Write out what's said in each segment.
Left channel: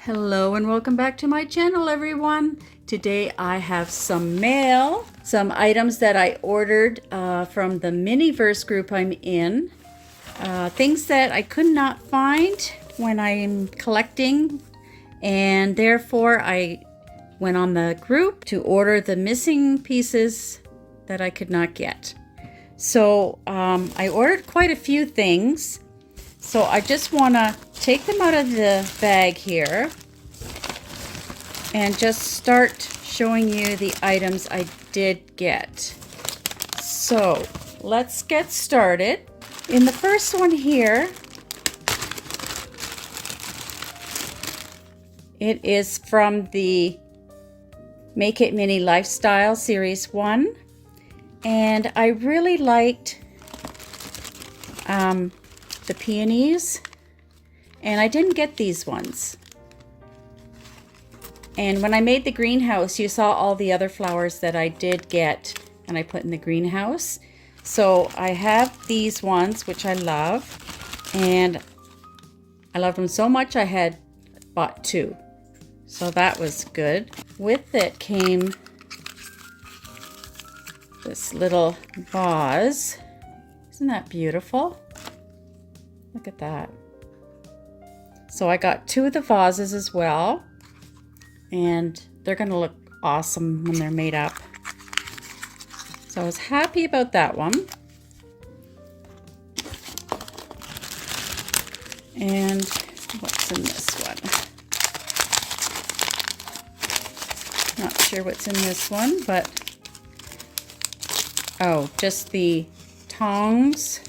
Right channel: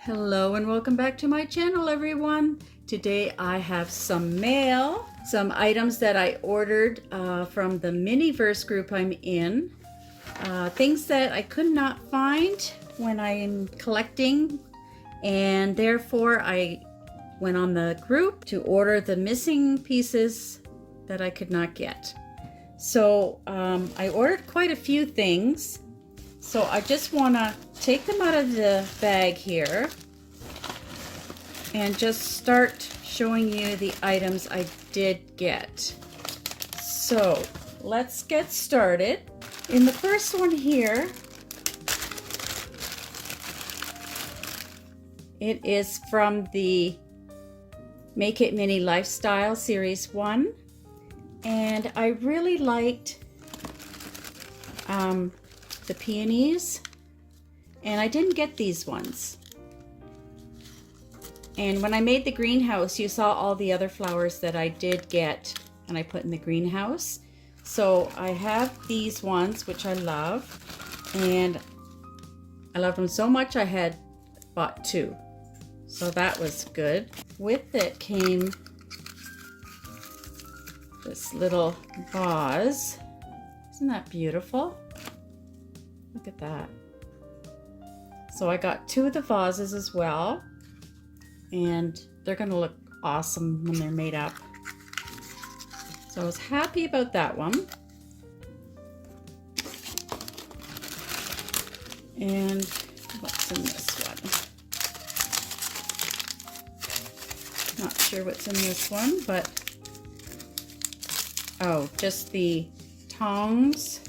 Hello and welcome back to my channel, everyone. Today I have some mail, some items that I ordered from the Miniverse group I'm in. Things that I could not find when I'm collecting, and therefore I went on the group to order the missing pieces that I could not get. So I ordered quite a few things. So I just want to take them out of the bag here and just start showing you the items I did get. So let's get started. In the first one here, it is from the Make It Mini Lifestyle Series 1. And I really liked the peonies, and I didn't get these ones. And when I made the greenhouse, you saw all the other flowers that I did get and I put in the greenhouse. So I have these ones, which I love, and I love them so much I had bought two. So that was good. With it came this little vase. Isn't that beautiful? Look at that. So I got two of the vases as well, and they're gonna look awesome when they're made up. So I was happy about that one. And what's in this one? Not sure what's in this one, but oh, just the tongs.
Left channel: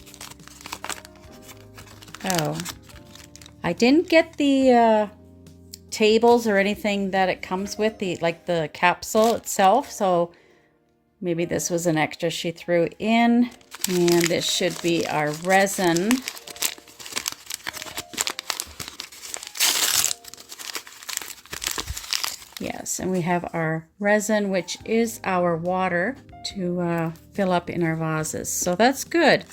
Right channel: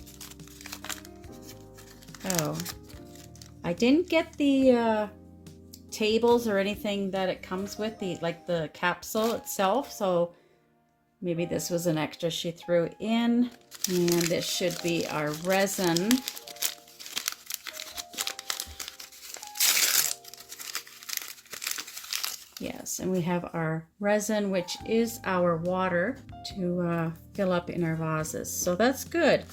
Oh, I didn't get the tables or anything that it comes with, like the capsule itself, so maybe this was an extra she threw in. And this should be our resin. Yes, and we have our resin, which is our water to fill up in our vases, so that's good.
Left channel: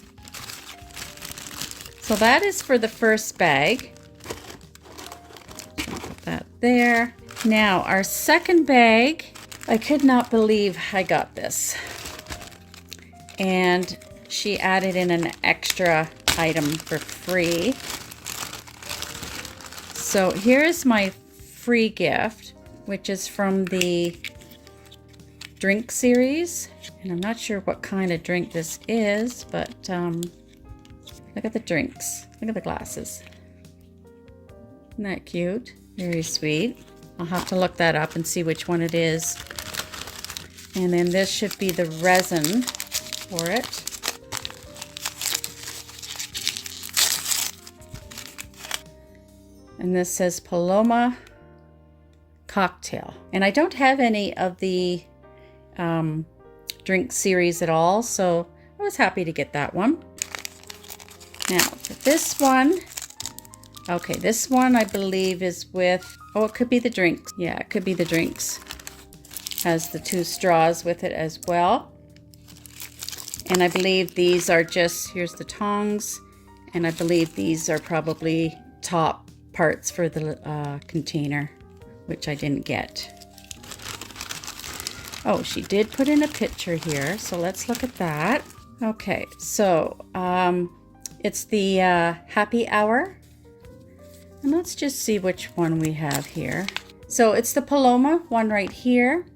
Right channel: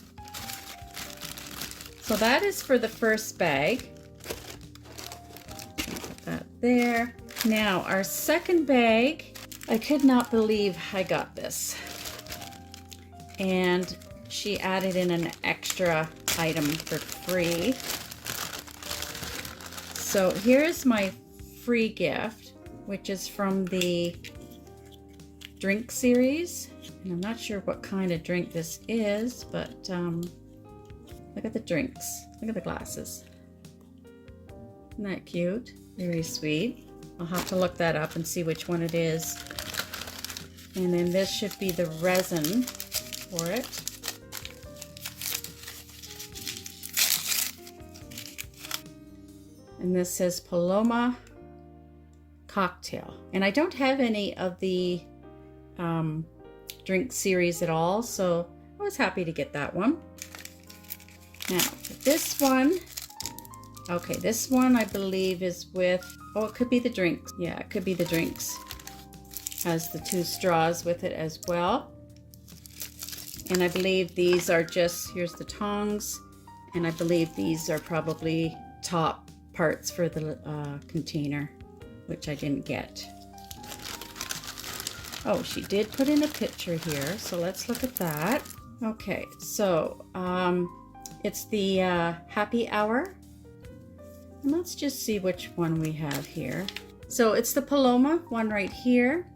So that is for the first bag. Put that there. Now our second bag, I could not believe I got this. And she added in an extra item for free. So here's my free gift, which is from the drink series. And I'm not sure what kind of drink this is, but look at the drinks. Look at the glasses. Isn't that cute? Very sweet. I'll have to look that up and see which one it is. And then this should be the resin for it. And this says Paloma Cocktail. And I don't have any of the drink series at all, so I was happy to get that one. Now, for this one, okay, this one I believe is with, oh, it could be the drinks. Yeah, it could be the drinks. Has the two straws with it as well. And I believe these are just, here's the tongs, and I believe these are probably top parts for the container, which I didn't get. Oh, she did put in a picture here, so let's look at that. Okay, so it's the happy hour. And let's just see which one we have here. So it's the Paloma one right here.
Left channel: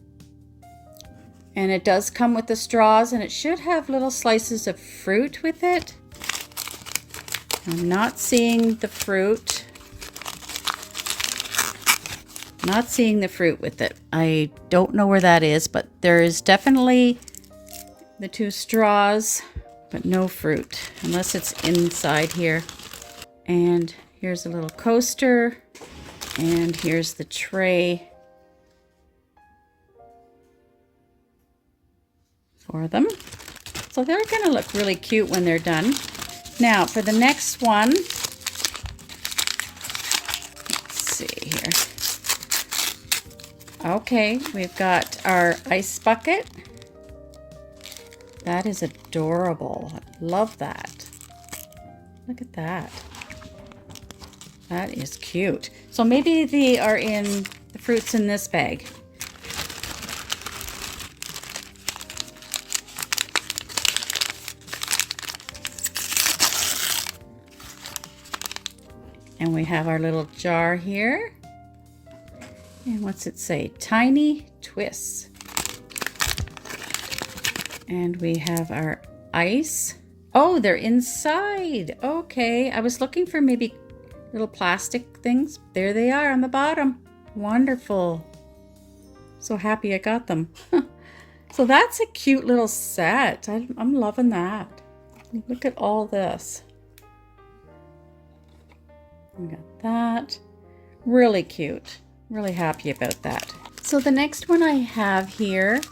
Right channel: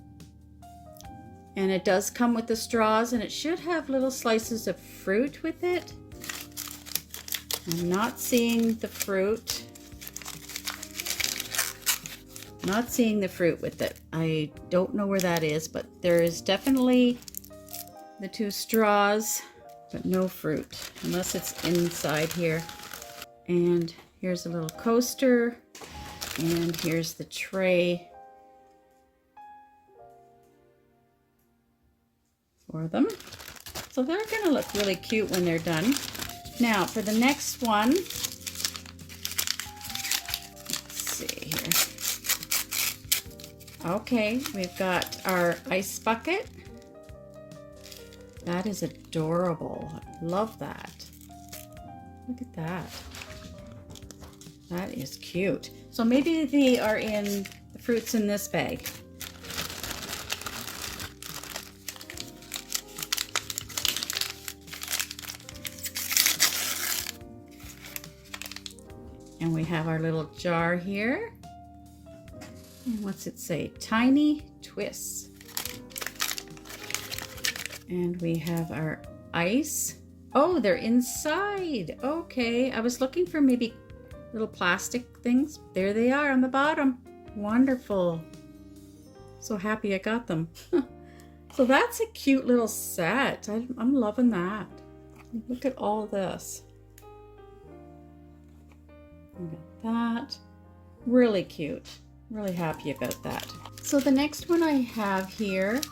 And it does come with the straws, and it should have little slices of fruit with it. I'm not seeing the fruit. Not seeing the fruit with it. I don't know where that is, but there is definitely the two straws, but no fruit, unless it's inside here. And here's a little coaster, and here's the tray for them. So they're gonna look really cute when they're done. Now for the next one, let's see here. Okay, we've got our ice bucket. That is adorable. I love that. Look at that. That is cute. So maybe they are in the fruits in this bag. And we have our little jar here. And what's it say? Tiny Twists. And we have our ice. Oh, they're inside. Okay, I was looking for maybe little plastic things. There they are on the bottom. Wonderful. So happy I got them. So that's a cute little set. I'm loving that. Look at all this. We got that. Really cute. Really happy about that. So the next one I have here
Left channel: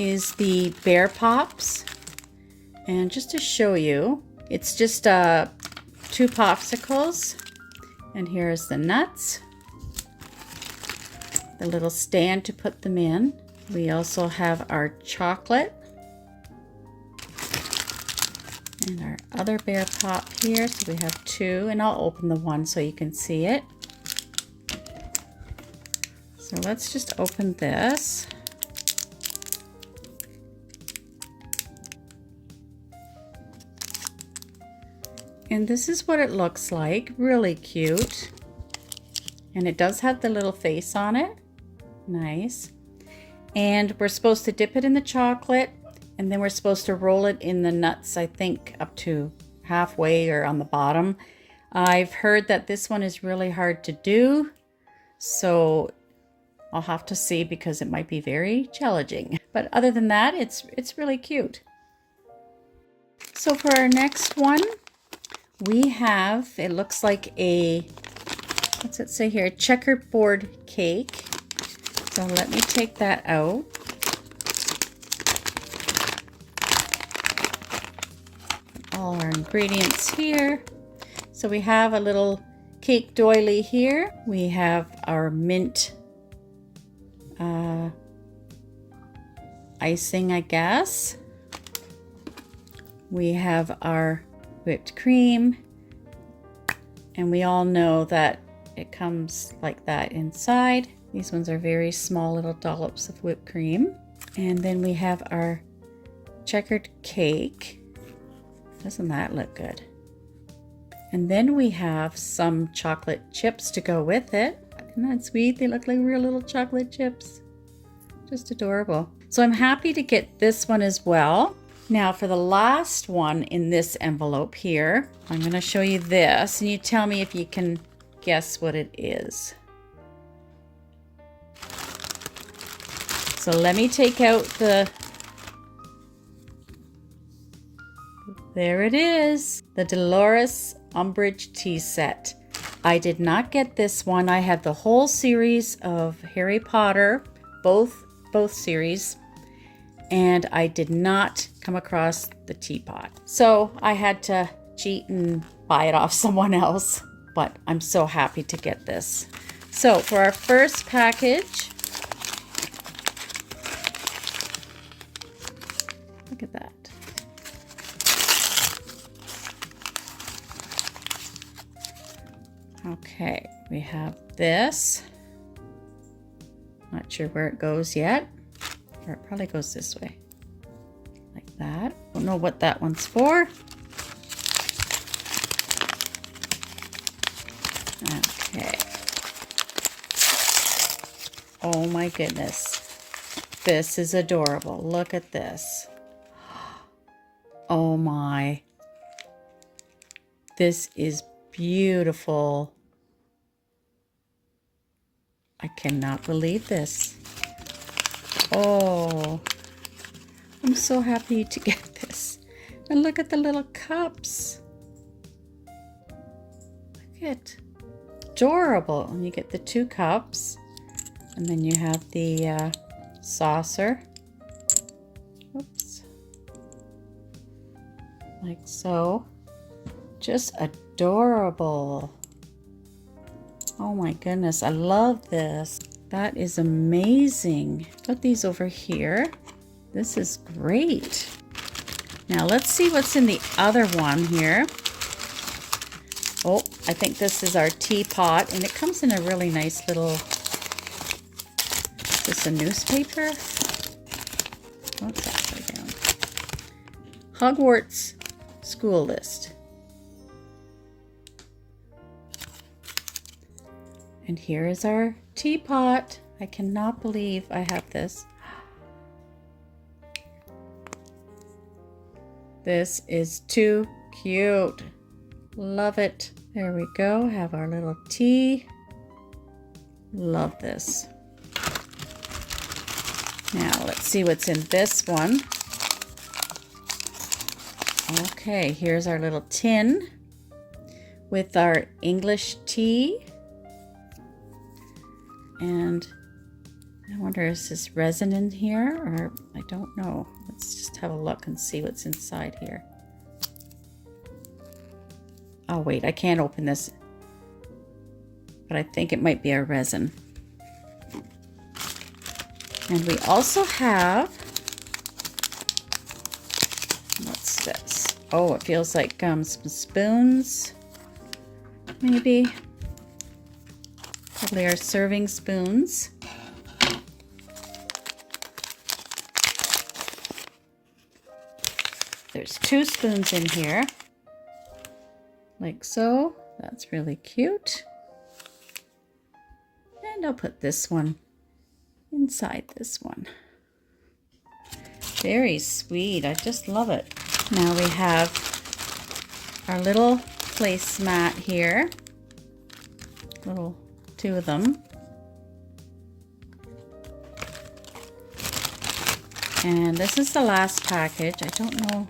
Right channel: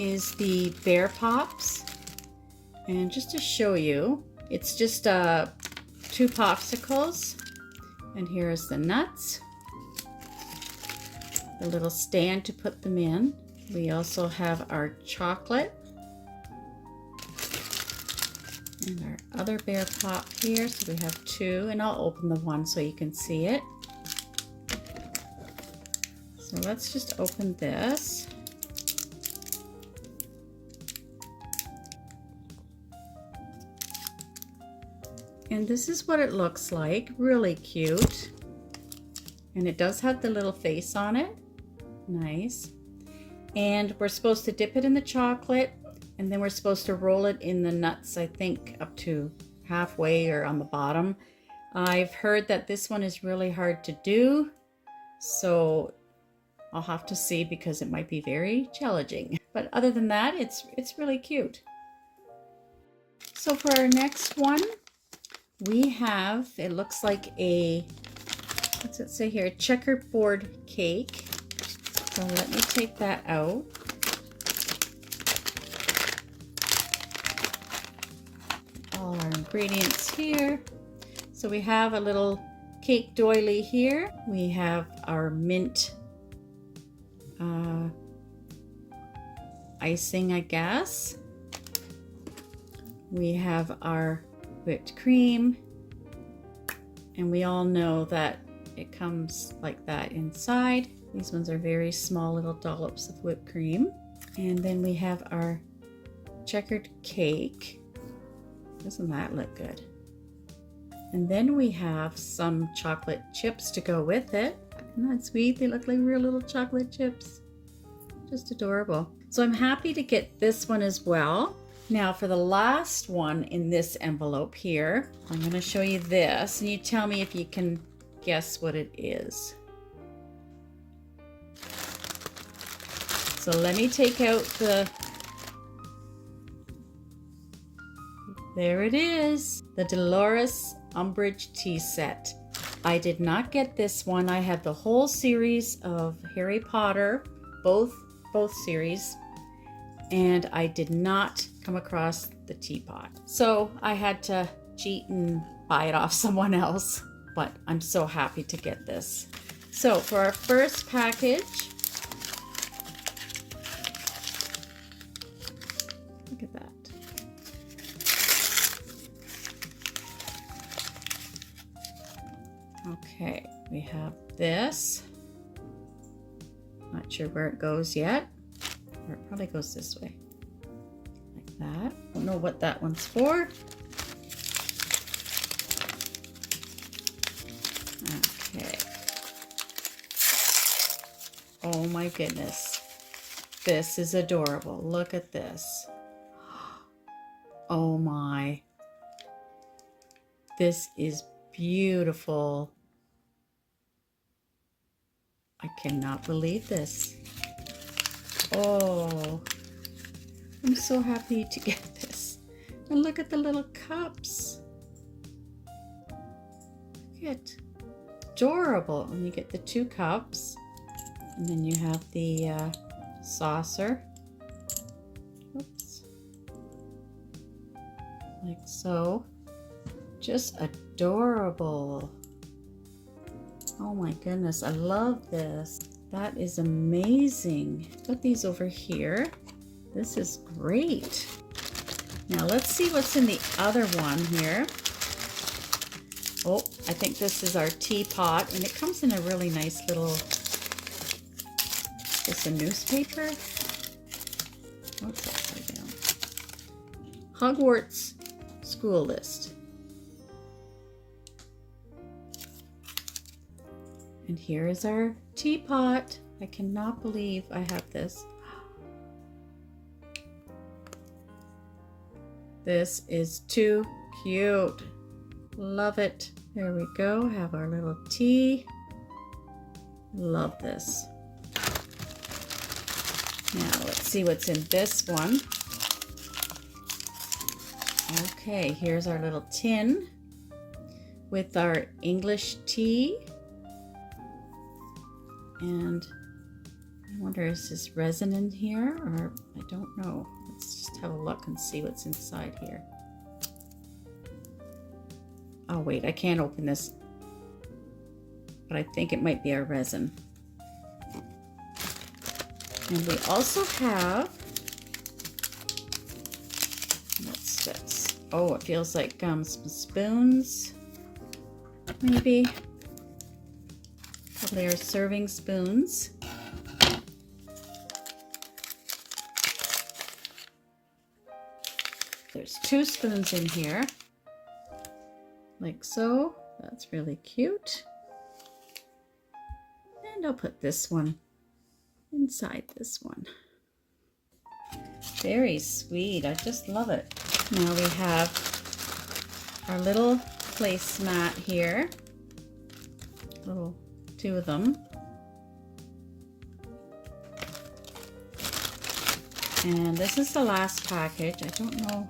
is the Bear Pops. And just to show you, it's just 2 popsicles. And here's the nuts. The little stand to put them in. We also have our chocolate. And our other Bear Pop here. So we have 2, and I'll open the one so you can see it. So let's just open this. And this is what it looks like. Really cute. And it does have the little face on it. Nice. And we're supposed to dip it in the chocolate, and then we're supposed to roll it in the nuts, I think up to halfway or on the bottom. I've heard that this one is really hard to do, so I'll have to see because it might be very challenging. But other than that, it's really cute. So for our next one, we have, it looks like a, what's it say here? Checkerboard cake. So let me take that out. All our ingredients here. So we have a little cake doily here. We have our mint icing, I guess. We have our whipped cream, and we all know that it comes like that inside. These ones are very small little dollops of whipped cream. And then we have our checkered cake. Doesn't that look good? And then we have some chocolate chips to go with it. Isn't that sweet? They look like real little chocolate chips. Just adorable. So I'm happy to get this one as well. Now for the last one in this envelope here, I'm going to show you this, and you tell me if you can guess what it is. So let me take out the, there it is, the Dolores Umbridge tea set. I did not get this one. I had the whole series of Harry Potter, both series, and I did not come across the teapot. So I had to cheat and buy it off someone else, but I'm so happy to get this. So for our first package, look at that. Okay, we have this. Not sure where it goes yet. Or it probably goes this way. Like that. Don't know what that one's for. Okay. Oh my goodness. This is adorable. Look at this. Oh my. This is beautiful. I cannot believe this. Oh, I'm so happy to get this. And look at the little cups. Look at, adorable. And you get the 2 cups, and then you have the saucer. Oops. Like so. Just adorable. Oh my goodness, I love this. That is amazing. Put these over here. This is great. Now let's see what's in the other one here. Oh, I think this is our teapot, and it comes in a really nice little, is this a newspaper? Oh, it's upside down. Hogwarts school list. And here is our teapot. I cannot believe I have this. This is too cute. Love it. There we go. Have our little tea. Love this. Now let's see what's in this one. Okay, here's our little tin with our English tea. And I wonder, is this resin in here, or I don't know. Let's just have a look and see what's inside here. Oh wait, I can't open this, but I think it might be our resin. And we also have, what's this? Oh, it feels like some spoons, maybe. Probably our serving spoons. There's 2 spoons in here, like so. That's really cute. And I'll put this one inside this one. Very sweet. I just love it. Now we have our little placemat here. Little 2 of them. And this is the last package. I don't know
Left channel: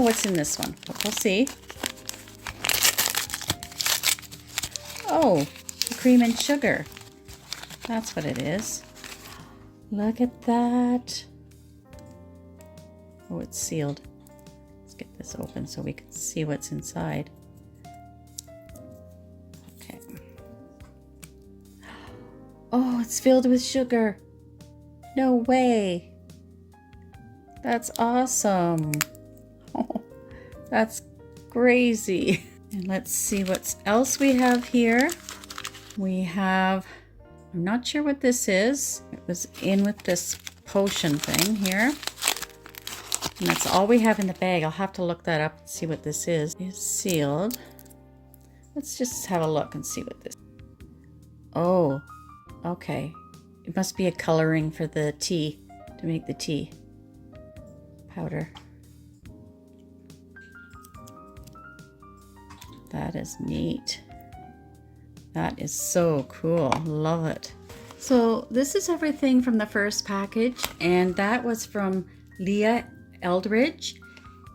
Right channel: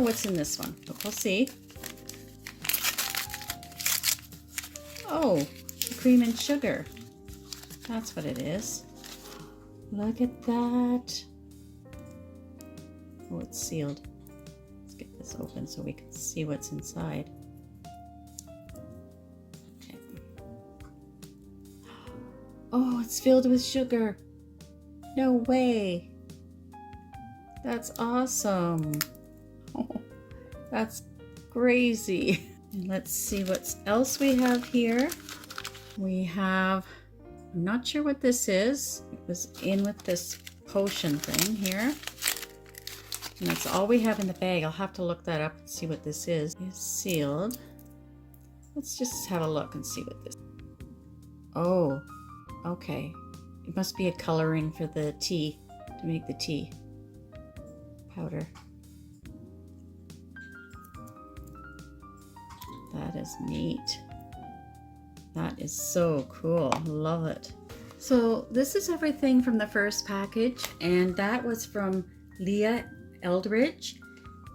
what's in this one, but we'll see. Oh, the cream and sugar. That's what it is. Look at that. Oh, it's sealed. Let's get this open so we can see what's inside. Okay. Oh, it's filled with sugar. No way. That's awesome. Oh, that's crazy. And let's see what else we have here. We have, I'm not sure what this is. It was in with this potion thing here. And that's all we have in the bag. I'll have to look that up and see what this is. It's sealed. Let's just have a look and see what this is. Oh, okay. It must be a coloring for the tea, to make the tea powder. That is neat. That is so cool. Love it. So this is everything from the first package, and that was from Leah Eldridge,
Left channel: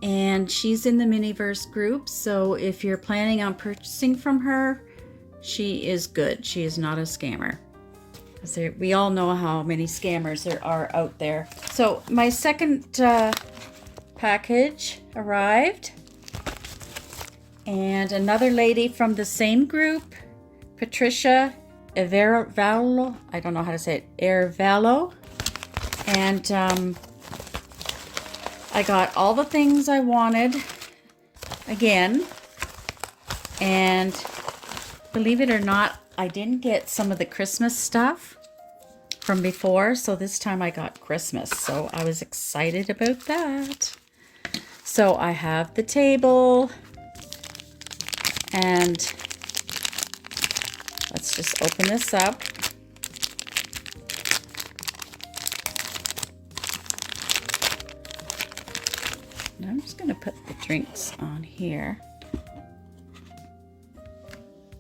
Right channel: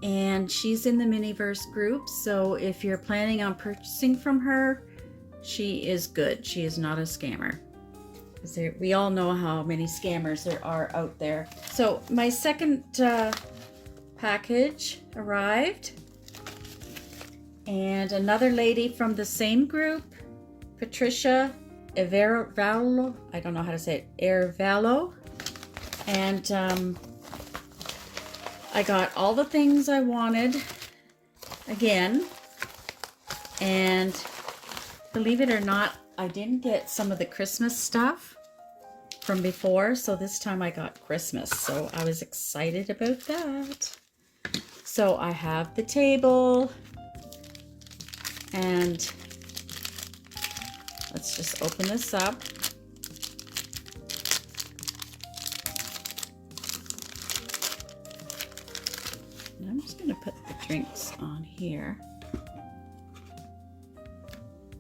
and she's in the Miniverse group. So if you're planning on purchasing from her, she is good. She is not a scammer. We all know how many scammers there are out there. So my second package arrived, and another lady from the same group, Patricia Ervallo, I don't know how to say it, Ervallo, and I got all the things I wanted again, and believe it or not, I didn't get some of the Christmas stuff from before, so this time I got Christmas, so I was excited about that. So I have the table, and let's just open this up. And I'm just going to put the drinks on here.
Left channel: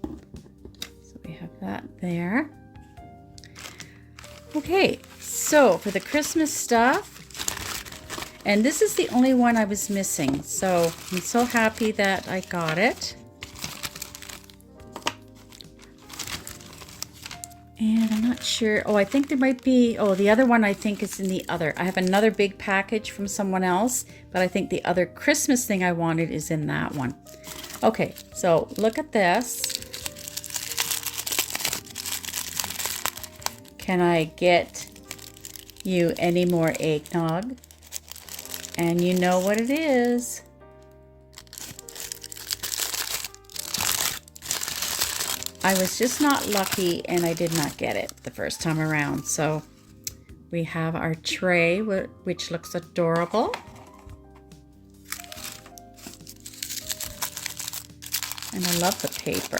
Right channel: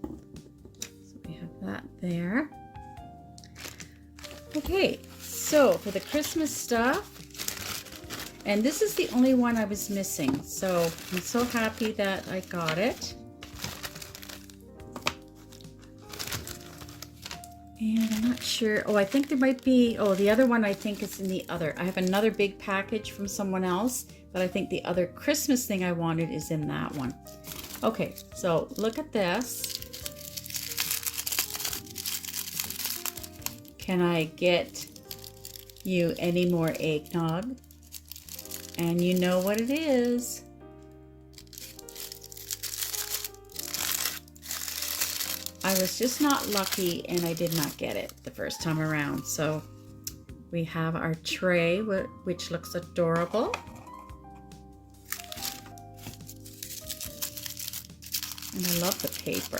So we have that there. Okay, so for the Christmas stuff, and this is the only one I was missing, so I'm so happy that I got it. And I'm not sure, oh, I think there might be, oh, the other one I think is in the other. I have another big package from someone else, but I think the other Christmas thing I wanted is in that one. Okay, so look at this. Can I get you any more eggnog? And you know what it is. I was just not lucky and I did not get it the first time around. So we have our tray, which looks adorable. And I love the paper.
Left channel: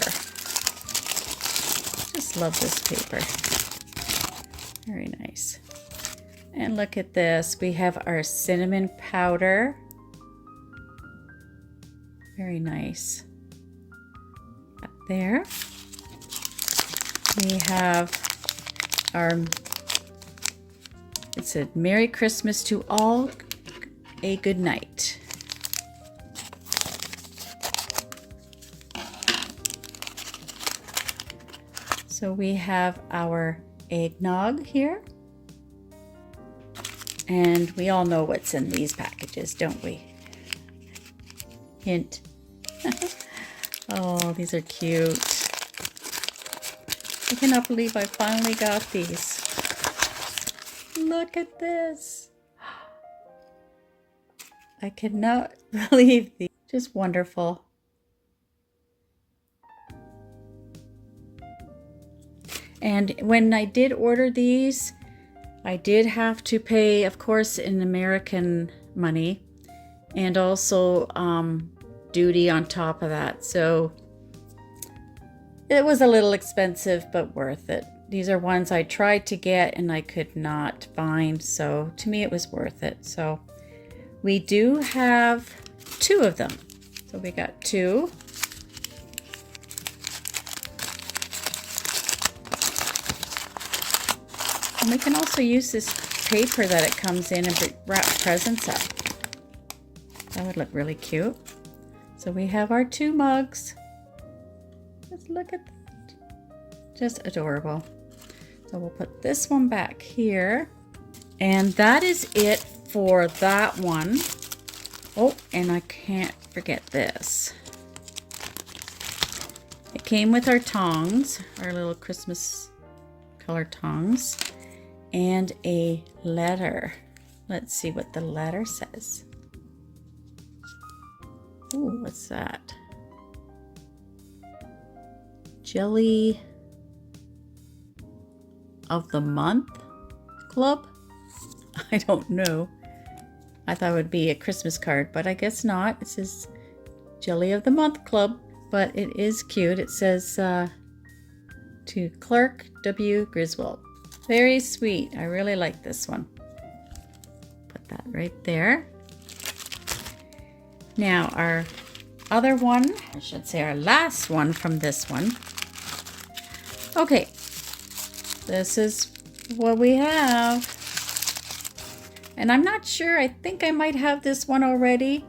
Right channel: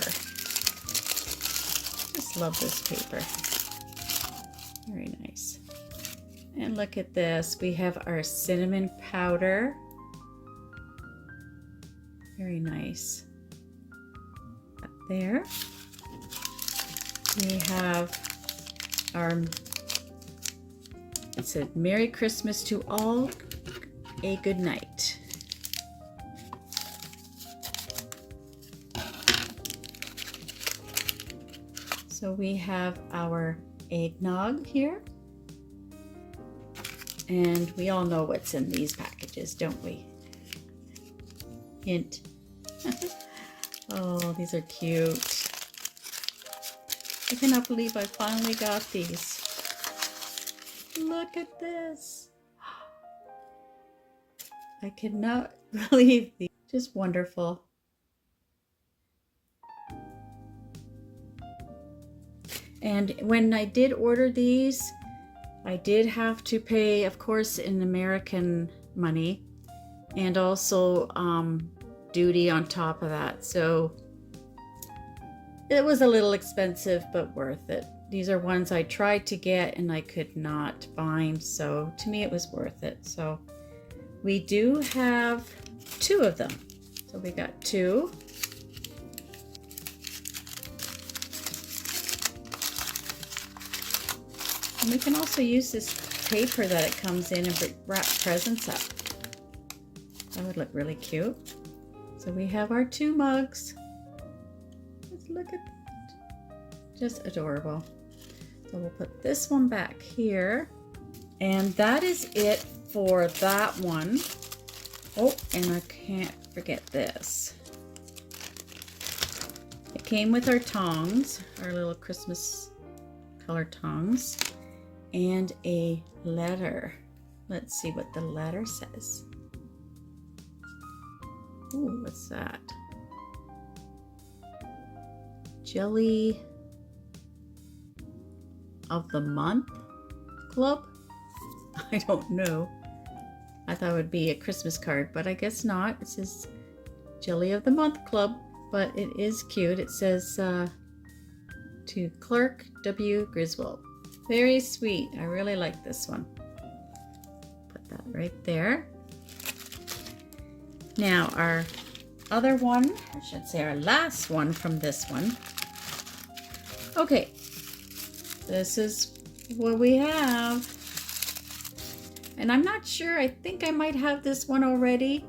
Just love this paper. Very nice. And look at this. We have our cinnamon powder. Very nice. Up there. We have our, it said, Merry Christmas to all, a good night. So we have our eggnog here. And we all know what's in these packages, don't we? Hint. Oh, these are cute. I cannot believe I finally got these. Look at this. I cannot believe these. Just wonderful. And when I did order these, I did have to pay, of course, in American money, and also duty on top of that. So it was a little expensive, but worth it. These are ones I tried to get and I could not find. So to me, it was worth it. So we do have 2 of them. So we got 2. And we can also use this paper that it comes in and wrap presents up. That would look really cute. So we have our 2 mugs. Just look at that. Just adorable. So we'll put this one back here. And that is it for that one. Oh, and I can't forget this. It came with our tongs, our little Christmas color tongs. And a letter. Let's see what the letter says. Ooh, what's that? Jelly of the Month Club? I don't know. I thought it would be a Christmas card, but I guess not. It says Jelly of the Month Club, but it is cute. It says to Clark W. Griswold. Very sweet. I really like this one. Put that right there. Now our other one, I should say our last one from this one. Okay, this is what we have. And I'm not sure, I think I might have this one already.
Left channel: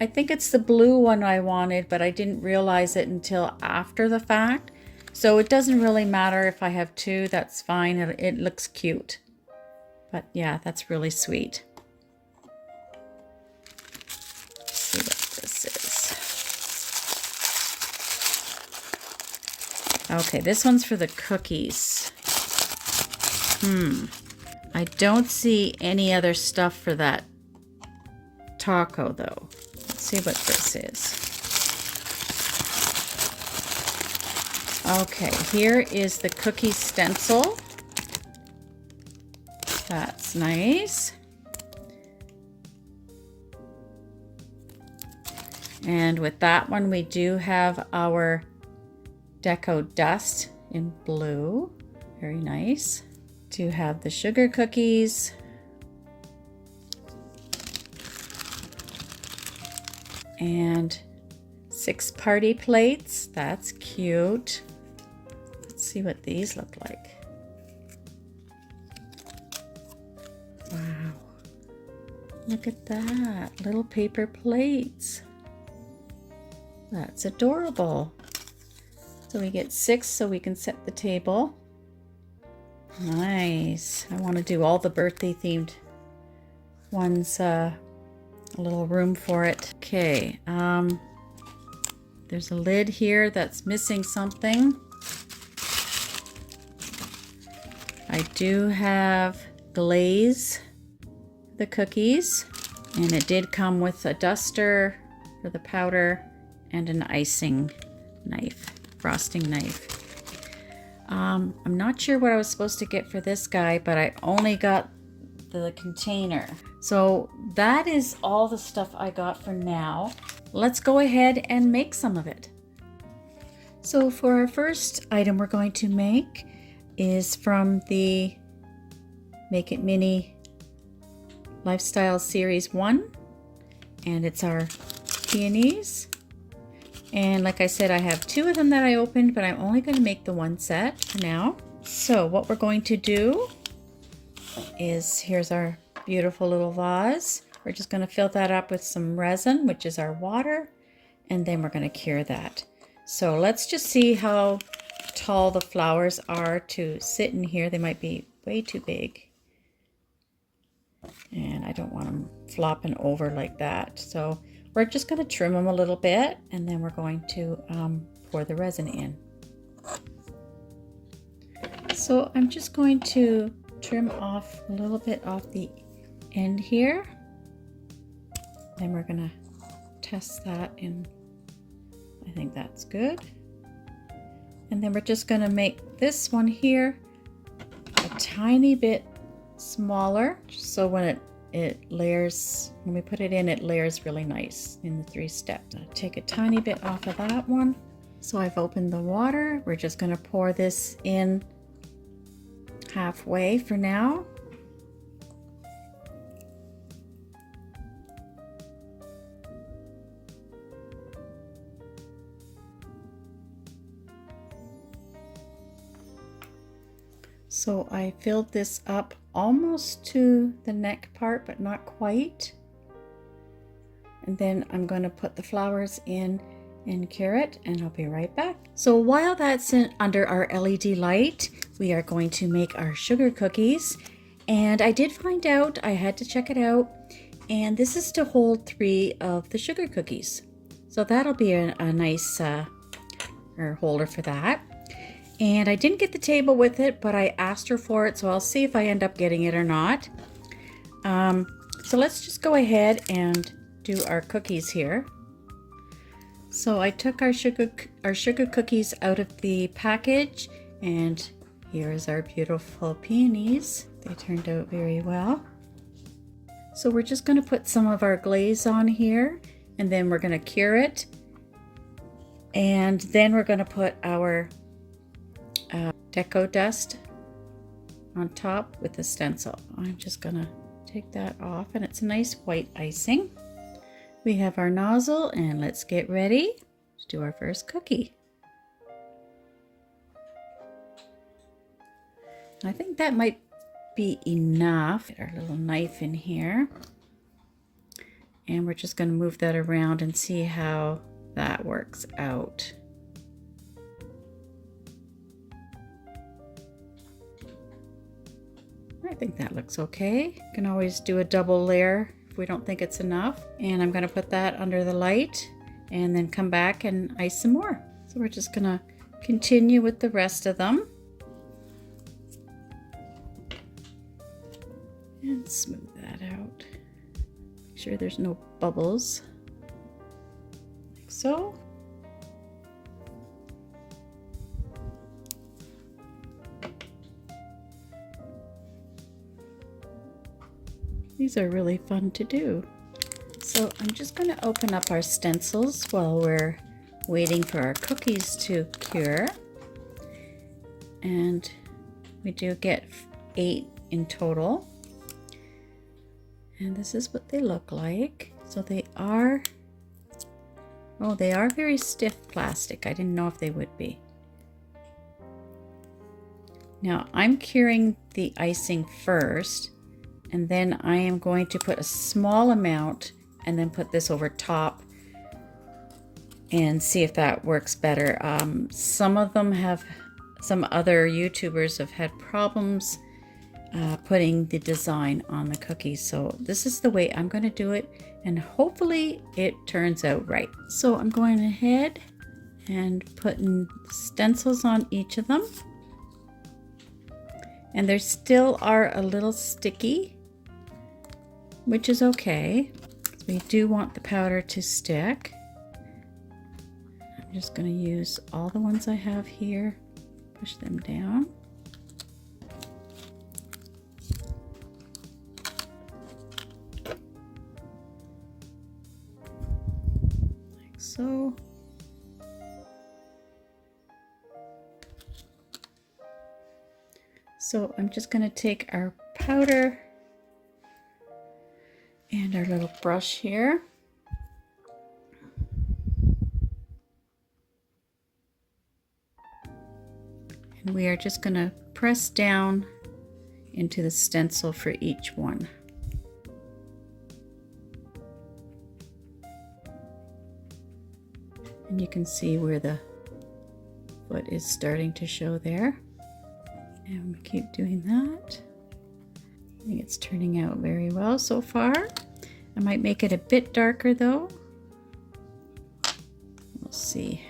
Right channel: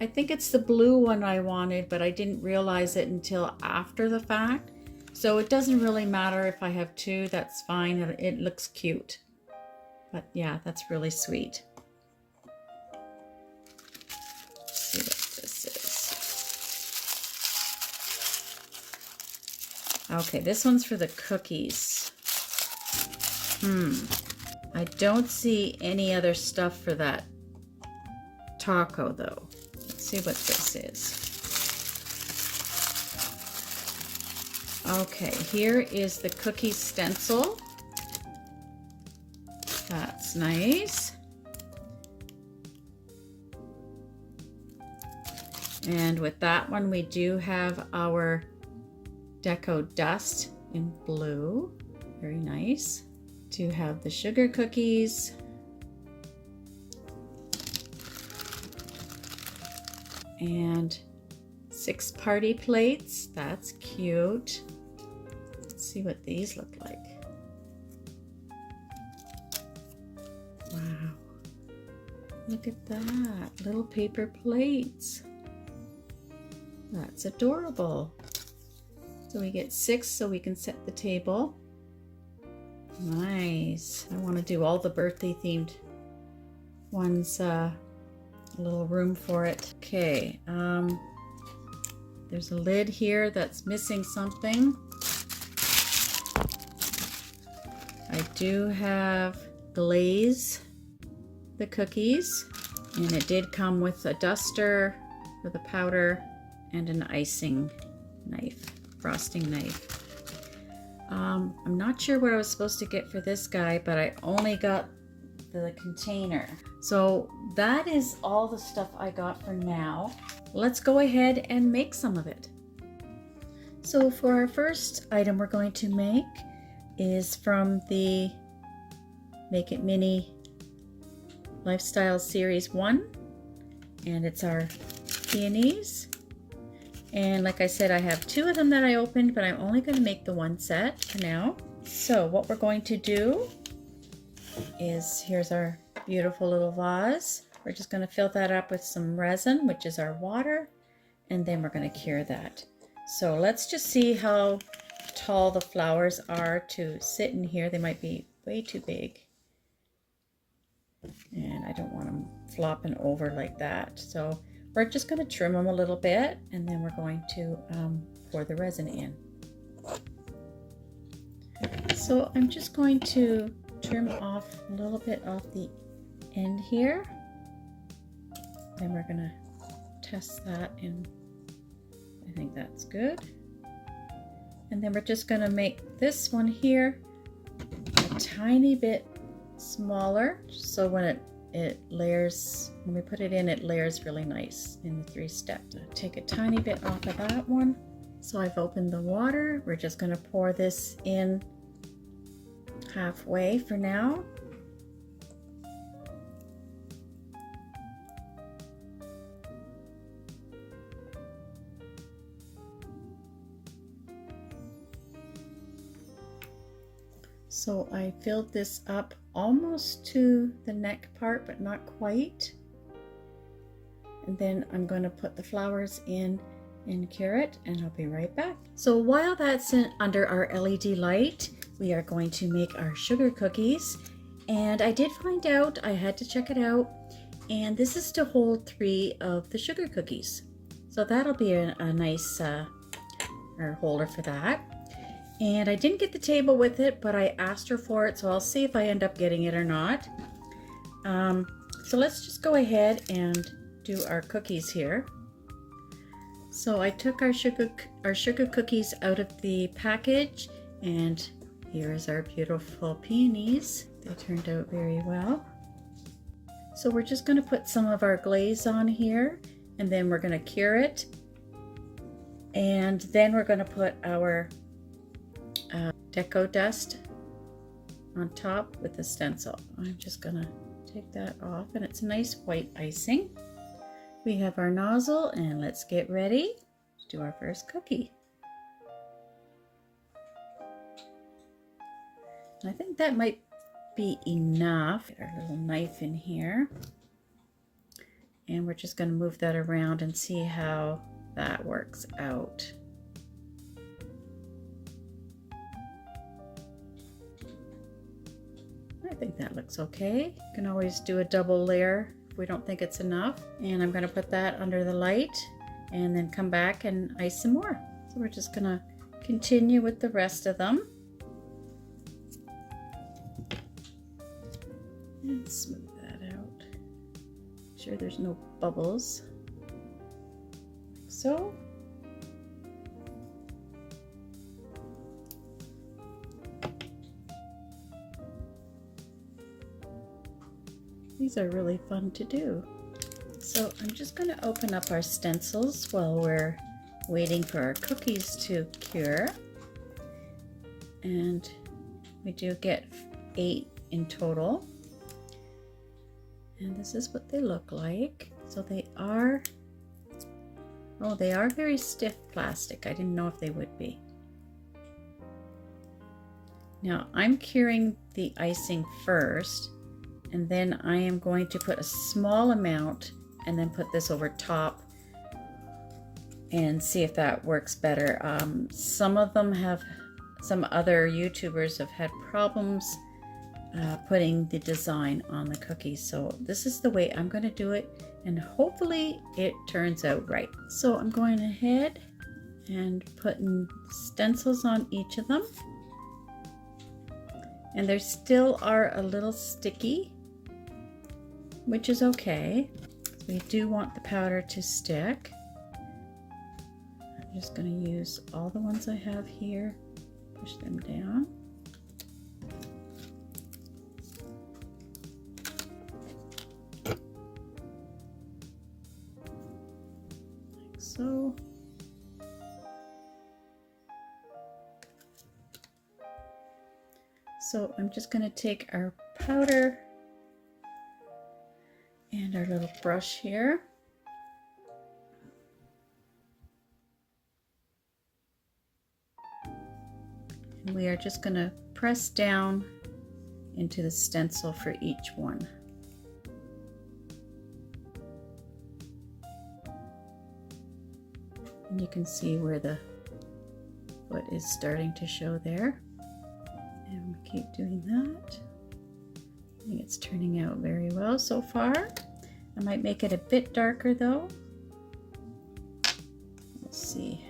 I think it's the blue one I wanted, but I didn't realize it until after the fact. So it doesn't really matter if I have 2, that's fine. It looks cute. But yeah, that's really sweet. Let's see what this is. Okay, this one's for the cookies. I don't see any other stuff for that taco though. Let's see what this is. Okay, here is the cookie stencil. That's nice. And with that one, we do have our deco dust in blue. Very nice. Do have the sugar cookies. And 6 party plates. That's cute. Let's see what these look like. Wow. Look at that. Little paper plates. That's adorable. So we get 6 so we can set the table. Nice. I want to do all the birthday themed ones. A little room for it. Okay. There's a lid here that's missing something. I do have glaze the cookies, and it did come with a duster for the powder and an icing knife, frosting knife. I'm not sure what I was supposed to get for this guy, but I only got the container. So that is all the stuff I got for now. Let's go ahead and make some of it. So for our first item we're going to make is from the Make It Mini Lifestyle Series 1, and it's our peonies. And like I said, I have 2 of them that I opened, but I'm only going to make the one set for now. So what we're going to do is, here's our beautiful little vase. We're just going to fill that up with some resin, which is our water, and then we're going to cure that. So let's just see how tall the flowers are to sit in here. They might be way too big, and I don't want them flopping over like that. So we're just going to trim them a little bit, and then we're going to pour the resin in. So I'm just going to trim off a little bit off the end here. Then we're going to test that, and I think that's good. And then we're just going to make this one here a tiny bit smaller, so when it layers, when we put it in, it layers really nice in the 3 steps. I'll take a tiny bit off of that one. So I've opened the water. We're just going to pour this in halfway for now. So I filled this up almost to the neck part, but not quite. And then I'm going to put the flowers in and cure it, and I'll be right back. So while that's under our LED light, we are going to make our sugar cookies. And I did find out, I had to check it out, and this is to hold 3 of the sugar cookies. So that'll be a nice holder for that. And I didn't get the table with it, but I asked her for it, so I'll see if I end up getting it or not. So let's just go ahead and do our cookies here. So I took our sugar cookies out of the package, and here's our beautiful peonies. They turned out very well. So we're just going to put some of our glaze on here, and then we're going to cure it. And then we're going to put our deco dust on top with the stencil. I'm just gonna take that off, and it's a nice white icing. We have our nozzle, and let's get ready to do our first cookie. I think that might be enough. Get our little knife in here, and we're just going to move that around and see how that works out. I think that looks okay. You can always do a double layer if we don't think it's enough. And I'm going to put that under the light and then come back and ice some more. So we're just going to continue with the rest of them. And smooth that out. Make sure there's no bubbles. Like so. These are really fun to do. So I'm just going to open up our stencils while we're waiting for our cookies to cure. And we do get 8 in total. And this is what they look like. So they are, oh, they are very stiff plastic. I didn't know if they would be. Now I'm curing the icing first, and then I am going to put a small amount and then put this over top and see if that works better. Some of them have, some other YouTubers have had problems putting the design on the cookies. So this is the way I'm going to do it, and hopefully it turns out right. So I'm going ahead and putting stencils on each of them. And they still are a little sticky, which is okay. We do want the powder to stick. I'm just going to use all the ones I have here, Push them down. Like so. So I'm just going to take our powder and our little brush here. And we are just going to press down into the stencil for each one. And you can see where the foot is starting to show there. And we keep doing that. I think it's turning out very well so far. I might make it a bit darker though. We'll see.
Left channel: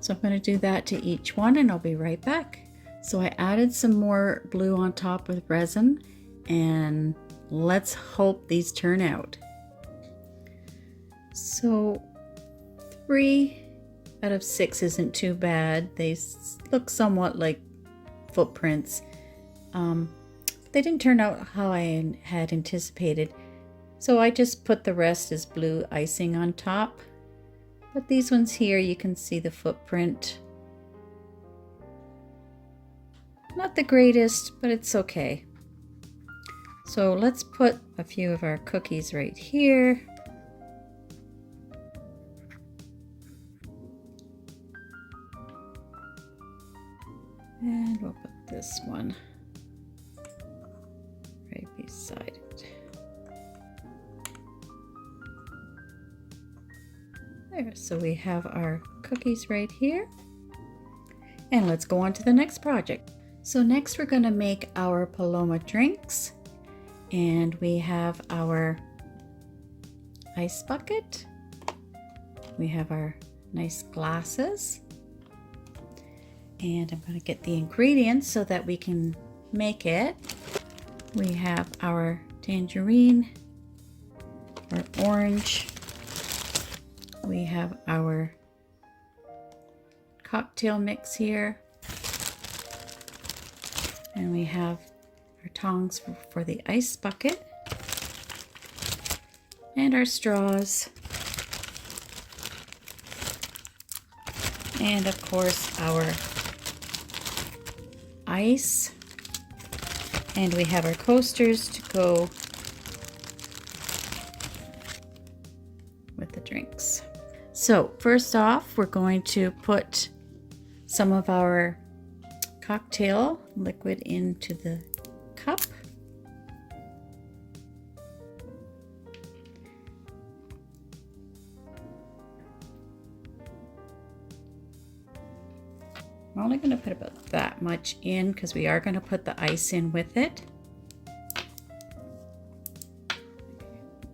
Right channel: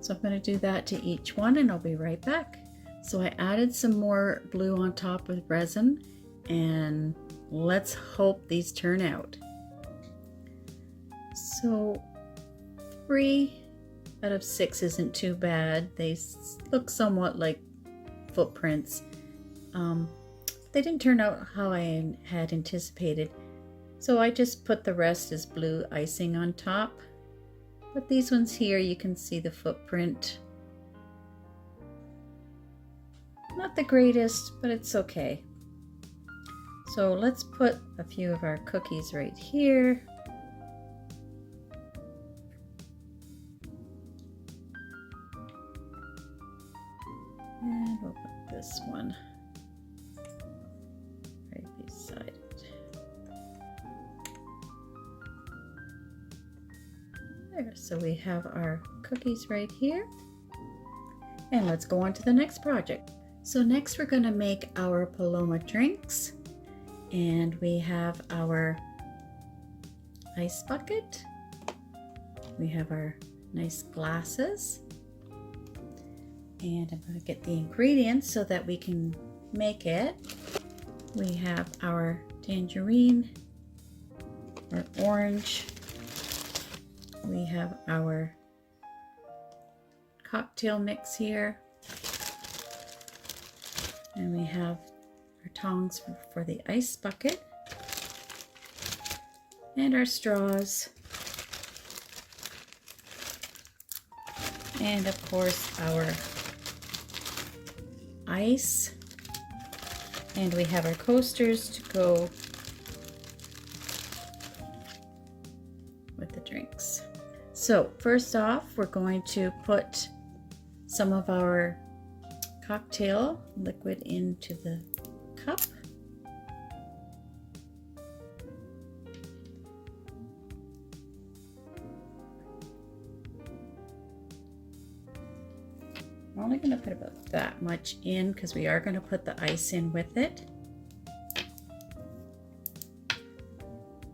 So I'm going to do that to each one and I'll be right back. So I added some more blue on top with resin, and let's hope these turn out. So 3 out of 6 isn't too bad. They look somewhat like footprints. They didn't turn out how I had anticipated, so I just put the rest as blue icing on top. But these ones here, you can see the footprint. Not the greatest, but it's okay. So let's put a few of our cookies right here. And we'll put this one right beside it. There, so we have our cookies right here. And let's go on to the next project. So next we're going to make our Paloma drinks. And we have our ice bucket. We have our nice glasses. And I'm going to get the ingredients so that we can make it. We have our tangerine, our orange. We have our cocktail mix here. And we have our tongs for the ice bucket. And our straws. And of course our ice, and we have our coasters to go with the drinks. So first off, we're going to put some of our cocktail liquid into the cup. I'm only going to put about that much in because we are going to put the ice in with it.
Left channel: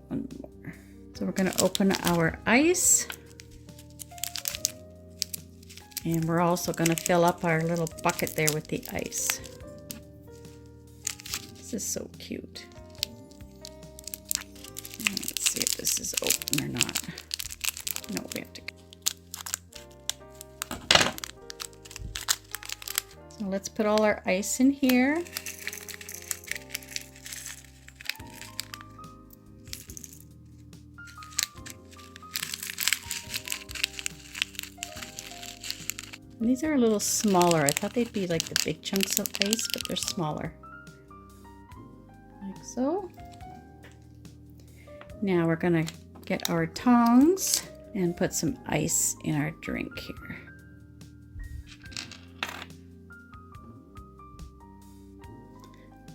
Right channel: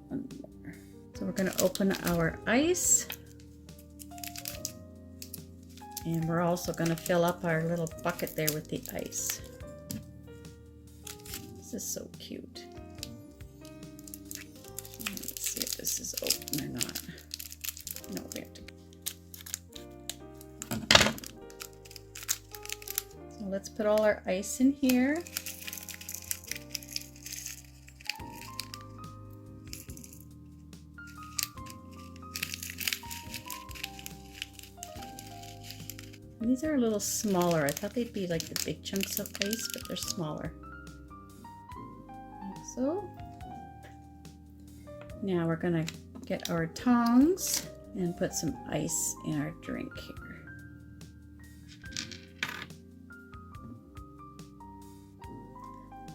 One more. So we're going to open our ice. And we're also going to fill up our little bucket there with the ice. This is so cute. Let's see if this is open or not. No, we have to. So let's put all our ice in here. And these are a little smaller. I thought they'd be like the big chunks of ice, but they're smaller. Like so. Now we're gonna get our tongs and put some ice in our drink here.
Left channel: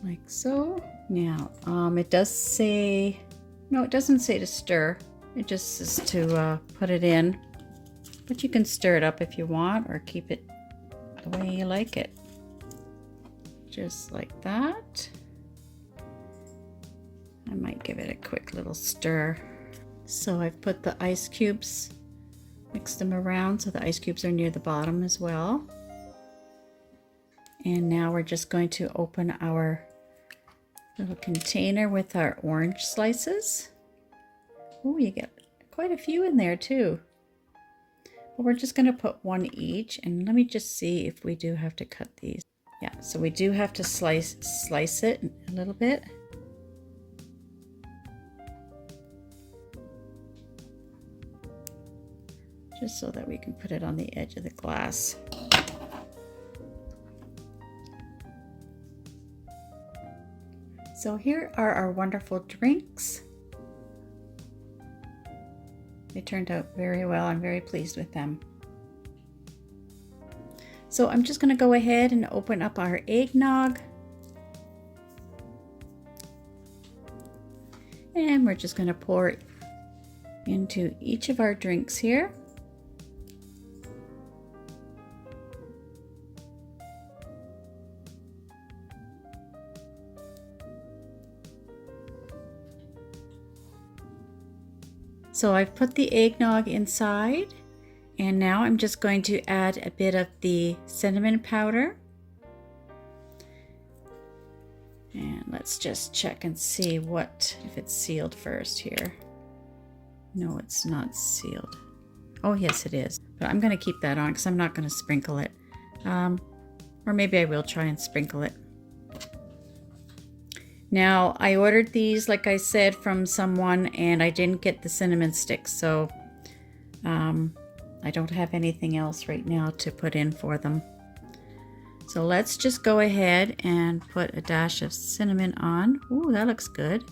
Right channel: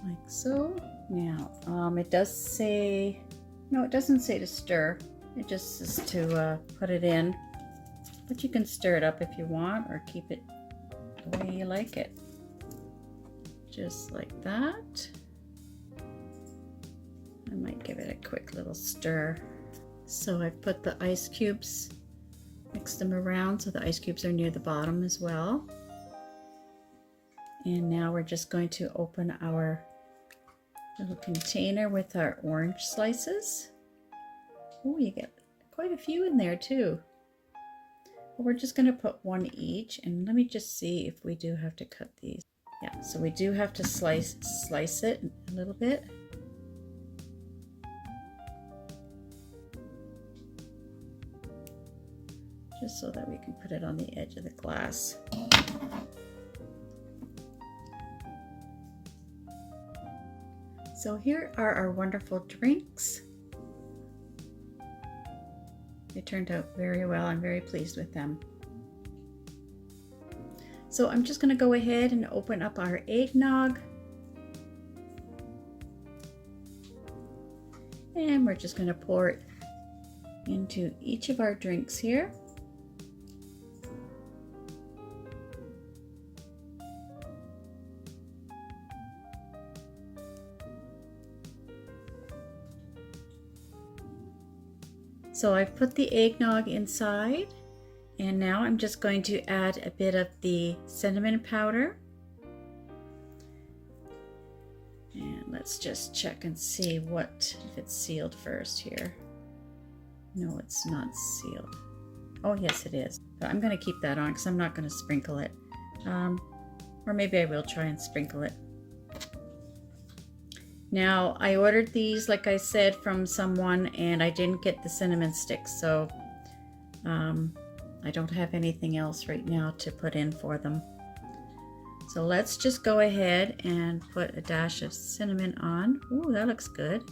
Like so. Now, it does say, no, it doesn't say to stir. It just says to put it in. But you can stir it up if you want, or keep it the way you like it. Just like that. I might give it a quick little stir. So I've put the ice cubes, mixed them around so the ice cubes are near the bottom as well. And now we're just going to open our little container with our orange slices. Oh, you get quite a few in there too. But we're just going to put one each, and let me just see if we do have to cut these. Yeah, so we do have to slice it a little bit. Just so that we can put it on the edge of the glass. So here are our wonderful drinks. They turned out very well. I'm very pleased with them. So I'm just going to go ahead and open up our eggnog. And we're just going to pour it into each of our drinks here. So I've put the eggnog inside, and now I'm just going to add a bit of the cinnamon powder. And let's just check and see if it's sealed first here. No, it's not sealed. Oh yes, it is. But I'm going to keep that on because I'm not going to sprinkle it. Or maybe I will try and sprinkle it. Now, I ordered these, like I said, from someone, and I didn't get the cinnamon sticks, so I don't have anything else right now to put in for them. So let's just go ahead and put a dash of cinnamon on. Ooh, that looks good.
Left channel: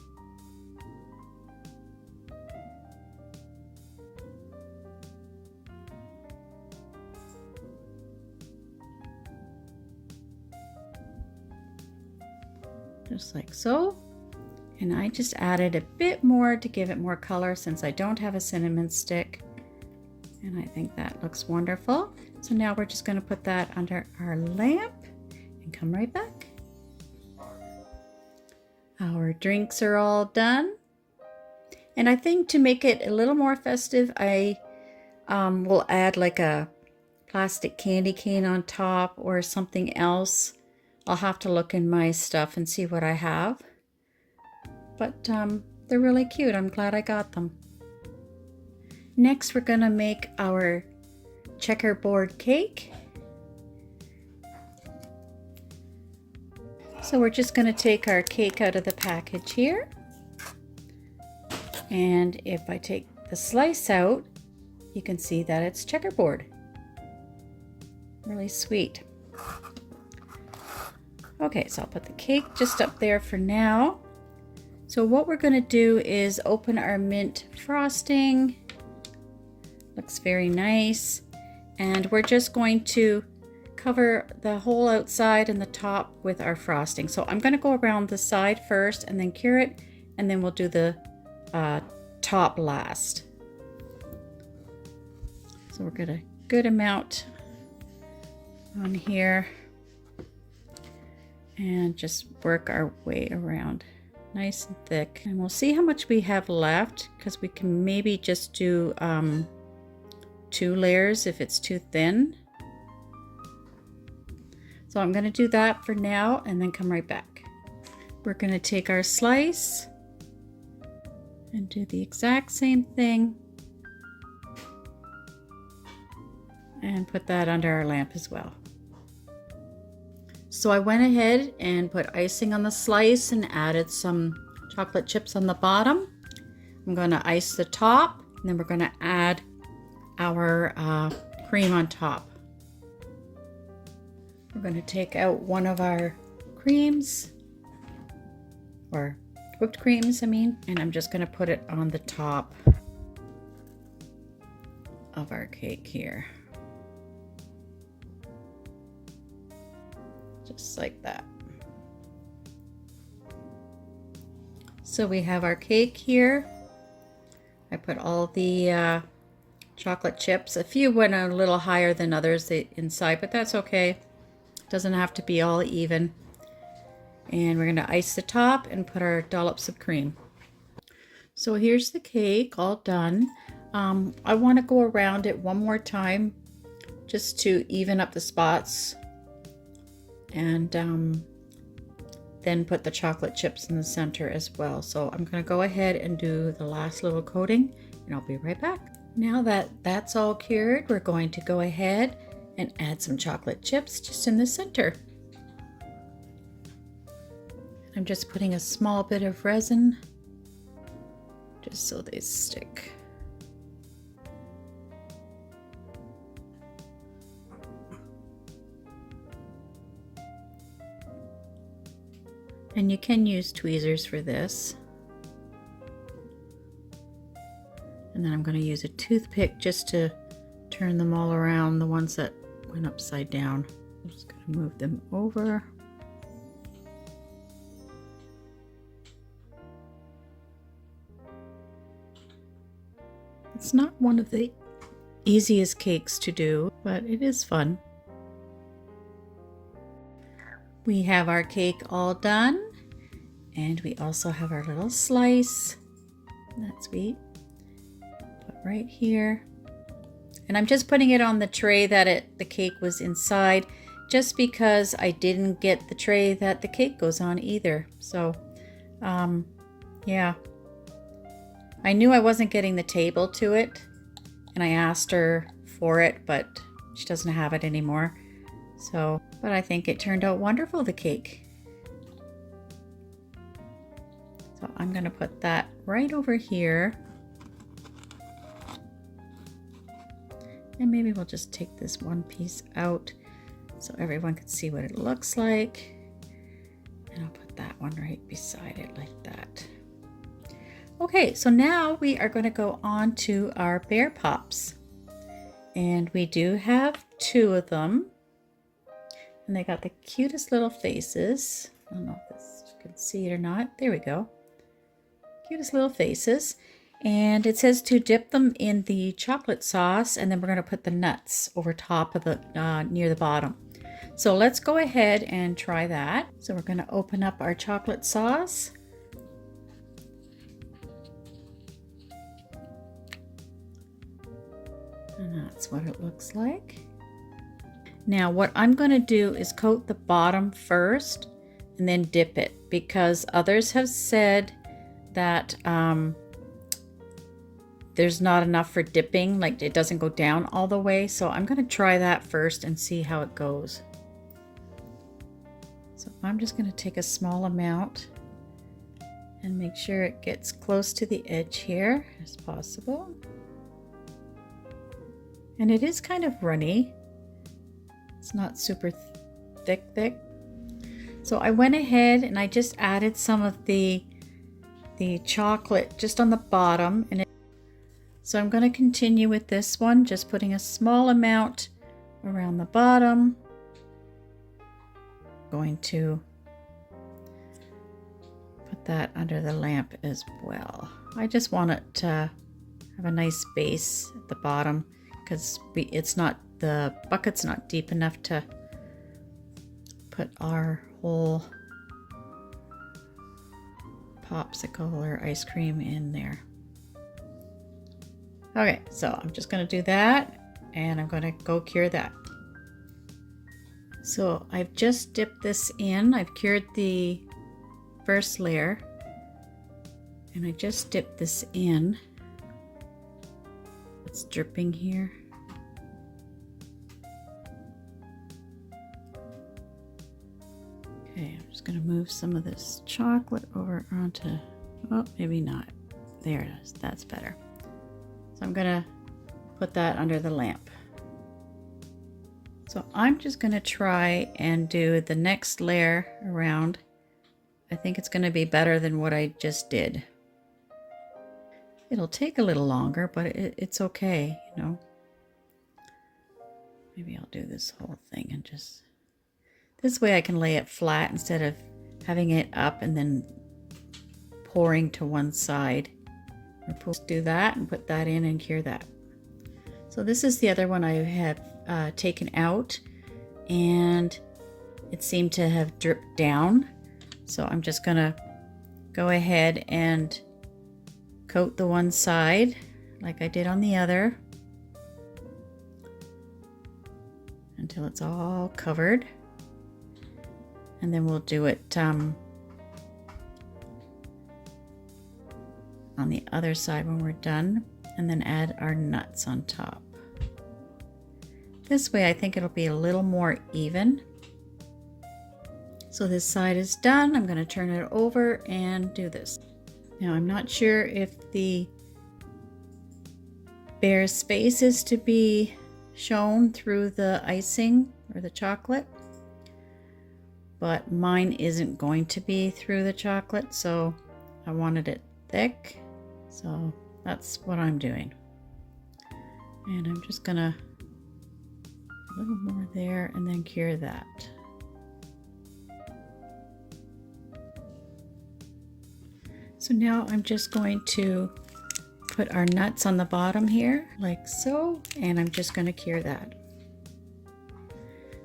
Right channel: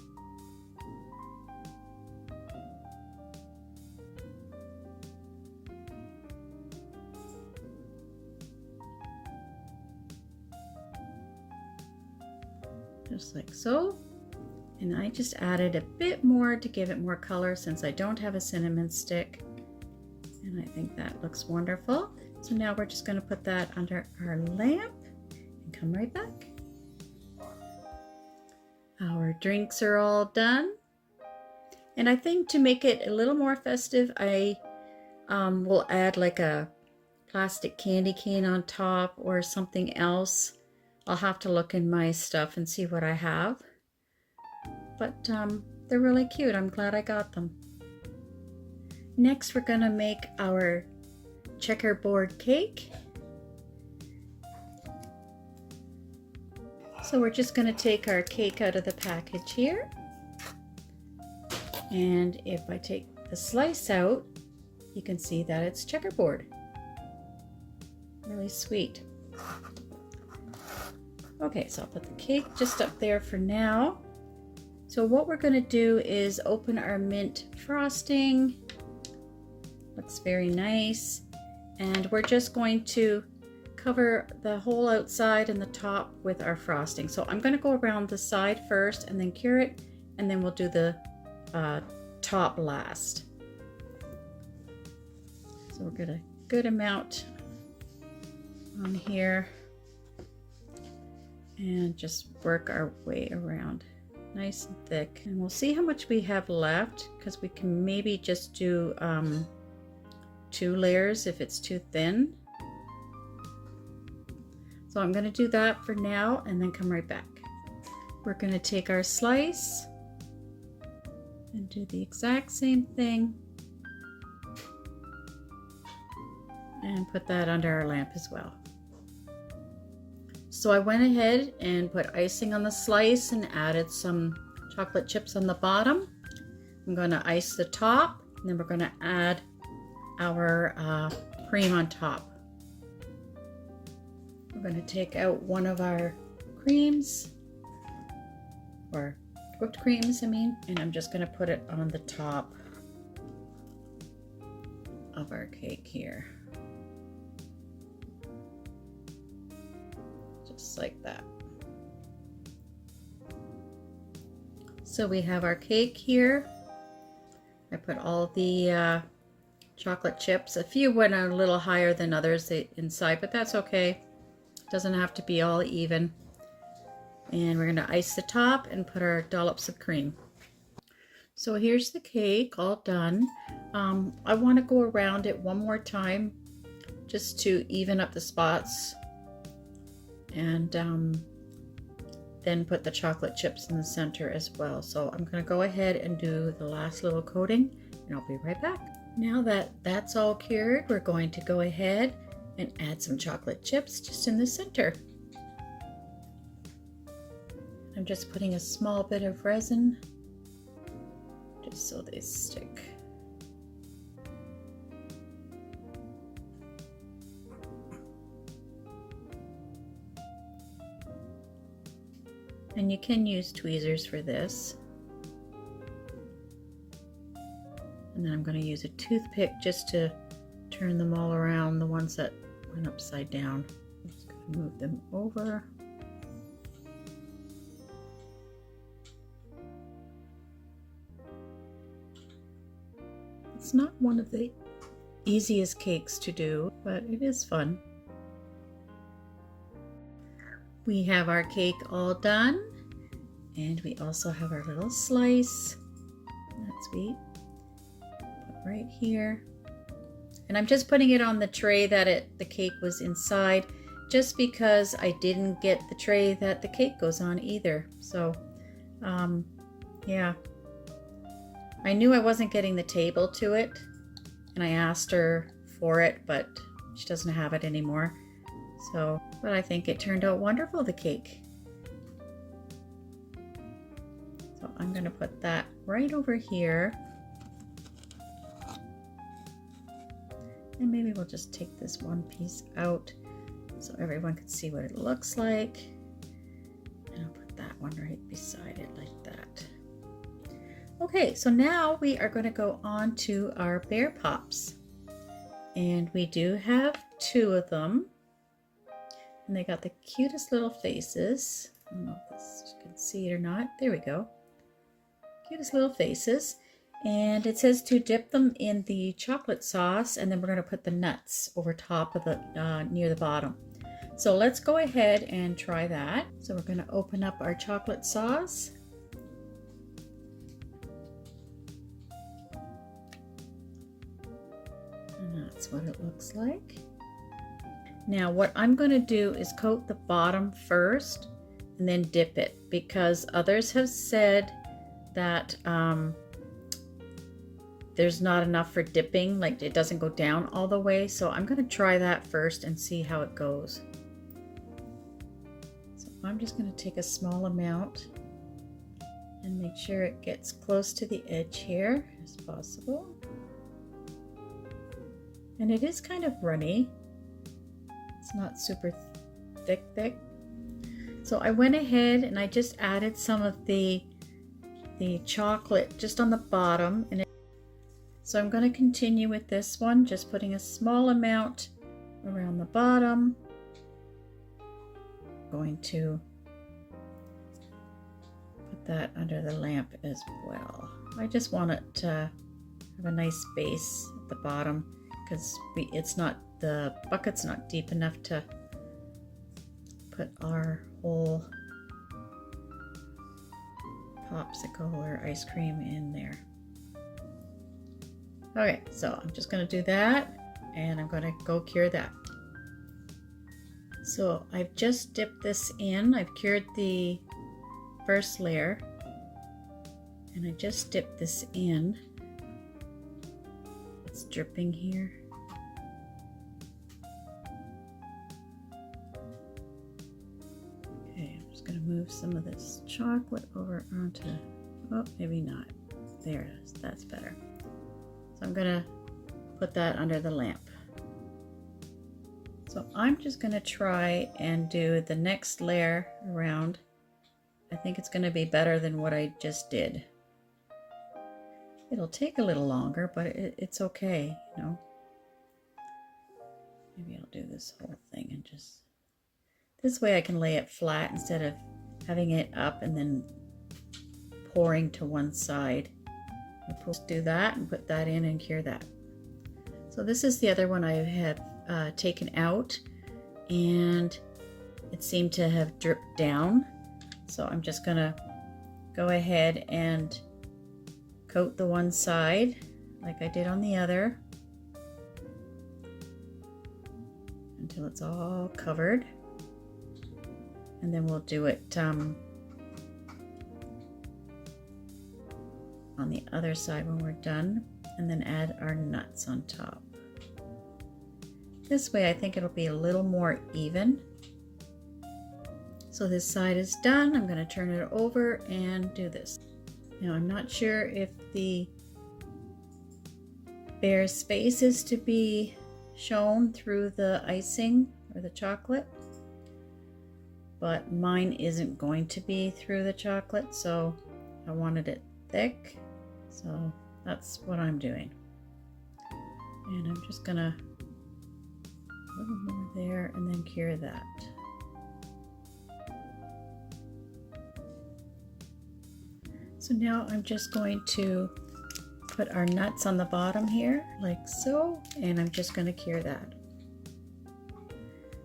Just like so. And I just added a bit more to give it more color since I don't have a cinnamon stick. And I think that looks wonderful. So now we're just going to put that under our lamp and come right back. Our drinks are all done. And I think to make it a little more festive, I will add like a plastic candy cane on top or something else. I'll have to look in my stuff and see what I have. But they're really cute. I'm glad I got them. Next, we're going to make our checkerboard cake. So we're just going to take our cake out of the package here. And if I take the slice out, you can see that it's checkerboard. Really sweet. Okay, so I'll put the cake just up there for now. So what we're going to do is open our mint frosting. Looks very nice. And we're just going to cover the whole outside and the top with our frosting. So I'm going to go around the side first and then cure it, and then we'll do the top last. So we're going to good amount on here. And just work our way around nice and thick, and we'll see how much we have left because we can maybe just do 2 layers if it's too thin. So I'm going to do that for now and then come right back. We're going to take our slice and do the exact same thing and put that under our lamp as well. So I went ahead and put icing on the slice and added some chocolate chips on the bottom. I'm going to ice the top, and then we're going to add our cream on top. We're going to take out one of our creams, or whipped creams, I mean, and I'm just going to put it on the top of our cake here. Just like that. So we have our cake here. I put all the chocolate chips. A few went a little higher than others inside, but that's okay. It doesn't have to be all even. And we're going to ice the top and put our dollops of cream. So here's the cake all done. I want to go around it one more time just to even up the spots, and then put the chocolate chips in the center as well. So I'm going to go ahead and do the last little coating, and I'll be right back. Now that that's all cured, we're going to go ahead and add some chocolate chips just in the center. I'm just putting a small bit of resin just so they stick. And you can use tweezers for this. And then I'm going to use a toothpick just to turn them all around, the ones that went upside down. I'm just going to move them over. It's not one of the easiest cakes to do, but it is fun. We have our cake all done, and we also have our little slice. That's sweet. Put right here. And I'm just putting it on the tray that the cake was inside, just because I didn't get the tray that the cake goes on either. So, yeah. I knew I wasn't getting the table to it, and I asked her for it, but she doesn't have it anymore. So, but I think it turned out wonderful, the cake. So I'm going to put that right over here. And maybe we'll just take this one piece out so everyone can see what it looks like. And I'll put that one right beside it like that. Okay, so now we are going to go on to our bear pops. And we do have 2 of them. And they got the cutest little faces. I don't know if you can see it or not. There we go. Cutest little faces. And it says to dip them in the chocolate sauce, and then we're going to put the nuts over top of the near the bottom. So let's go ahead and try that. So we're going to open up our chocolate sauce. And that's what it looks like. Now what I'm going to do is coat the bottom first and then dip it, because others have said that there's not enough for dipping, like it doesn't go down all the way. So I'm going to try that first and see how it goes. So I'm just going to take a small amount and make sure it gets close to the edge here as possible. And it is kind of runny. It's not super thick. So I went ahead and I just added some of the chocolate just on the bottom, and so I'm going to continue with this one, just putting a small amount around the bottom. Going to put that under the lamp as well. I just want it to have a nice base at the bottom, because the bucket's not deep enough to put our whole popsicle or ice cream in there. Okay, so I'm just going to do that, and I'm going to go cure that. So I've just dipped this in. I've cured the first layer, and I just dipped this in. It's dripping here. Okay, I'm just going to move some of this chocolate over onto, oh, maybe not. There it is. That's better. So I'm going to put that under the lamp. So I'm just going to try and do the next layer around. I think it's going to be better than what I just did. It'll take a little longer, but it's okay, you know. Maybe I'll do this whole thing and just... This way I can lay it flat instead of having it up and then pouring to one side. I'll do that and put that in and cure that. So this is the other one I had taken out, and it seemed to have dripped down. So I'm just gonna go ahead and coat the one side like I did on the other until it's all covered. And then we'll do it on the other side when we're done. and then add our nuts on top. This way I think it'll be a little more even. So this side is done. I'm going to turn it over and do this. Now I'm not sure if the bear's face is to be shown through the icing or the chocolate, but mine isn't going to be through the chocolate, so I wanted it thick, so that's what I'm doing. And I'm just gonna a little more there and then cure that. So now I'm just going to put our nuts on the bottom here like so, and I'm just going to cure that.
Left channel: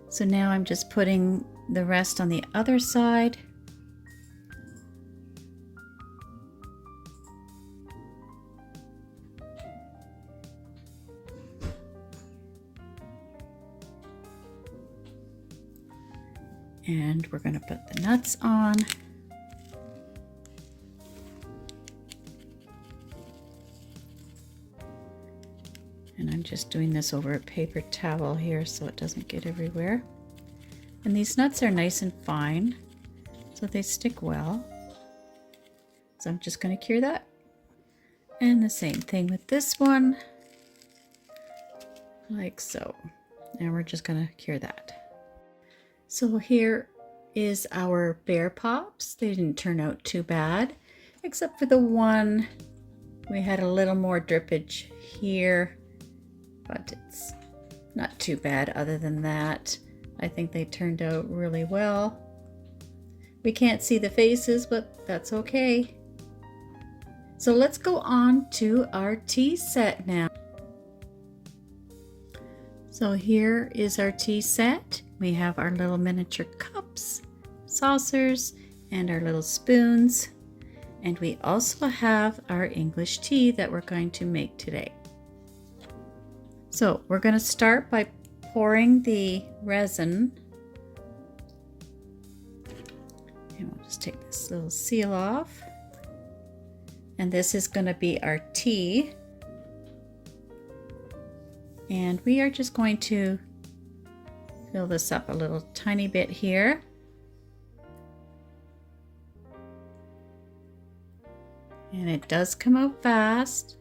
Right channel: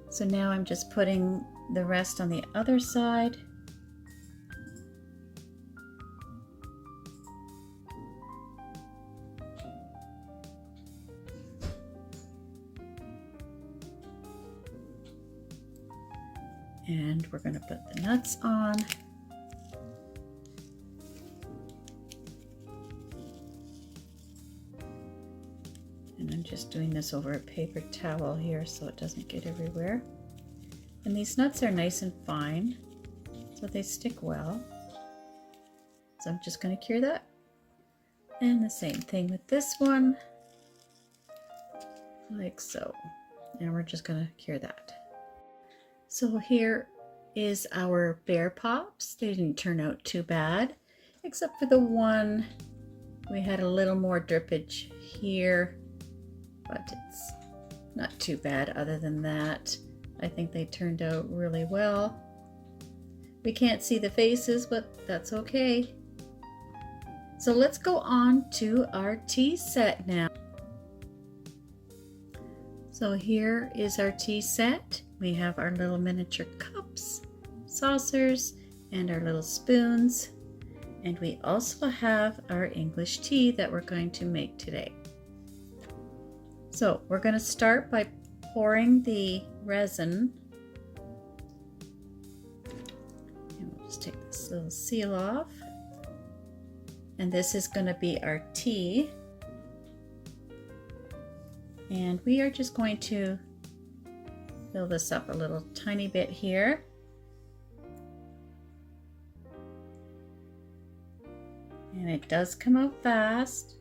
So now I'm just putting the rest on the other side. And we're going to put the nuts on. And I'm just doing this over a paper towel here so it doesn't get everywhere. And these nuts are nice and fine, so they stick well. So I'm just going to cure that. And the same thing with this one, like so. And we're just going to cure that. So here is our bear pops. They didn't turn out too bad, except for the one we had a little more drippage here, but it's not too bad. Other than that, I think they turned out really well. We can't see the faces, but that's okay. So let's go on to our tea set now. So here is our tea set. We have our little miniature cups, saucers, and our little spoons. And we also have our English tea that we're going to make today. So we're going to start by pouring the resin. And we'll just take this little seal off. And this is going to be our tea. And we are just going to fill this up a little tiny bit here. And it does come out fast.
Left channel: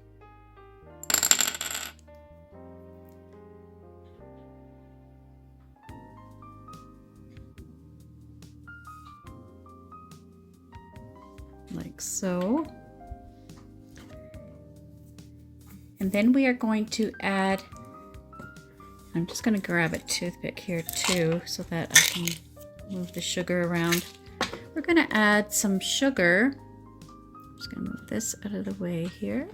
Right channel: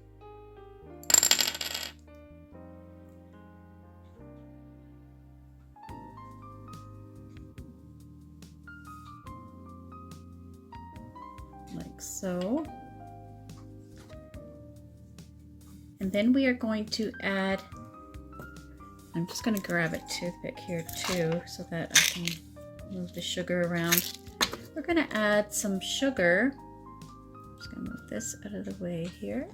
Like so. And then we are going to add, I'm just going to grab a toothpick here too so that I can move the sugar around. We're going to add some sugar. I'm just going to move this out of the way here.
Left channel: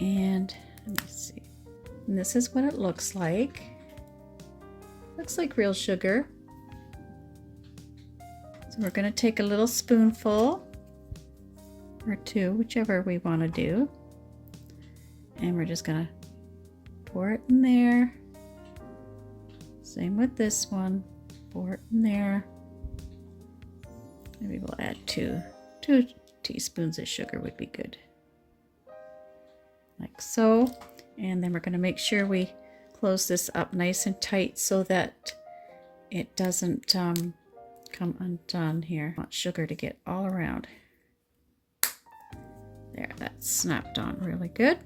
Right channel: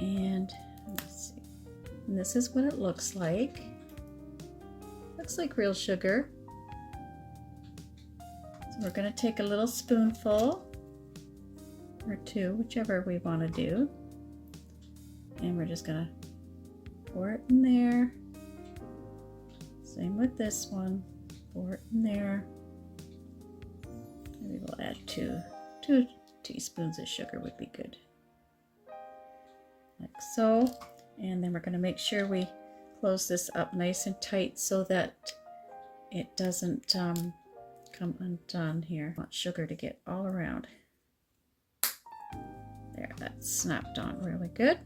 And let me see. And this is what it looks like. Looks like real sugar. So we're going to take a little spoonful or two, whichever we want to do. And we're just gonna pour it in there. Same with this one. Pour it in there. Maybe we'll add two teaspoons of sugar would be good. Like so. And then we're gonna make sure we close this up nice and tight so that it doesn't come undone here. I want sugar to get all around. There, that's snapped on really good.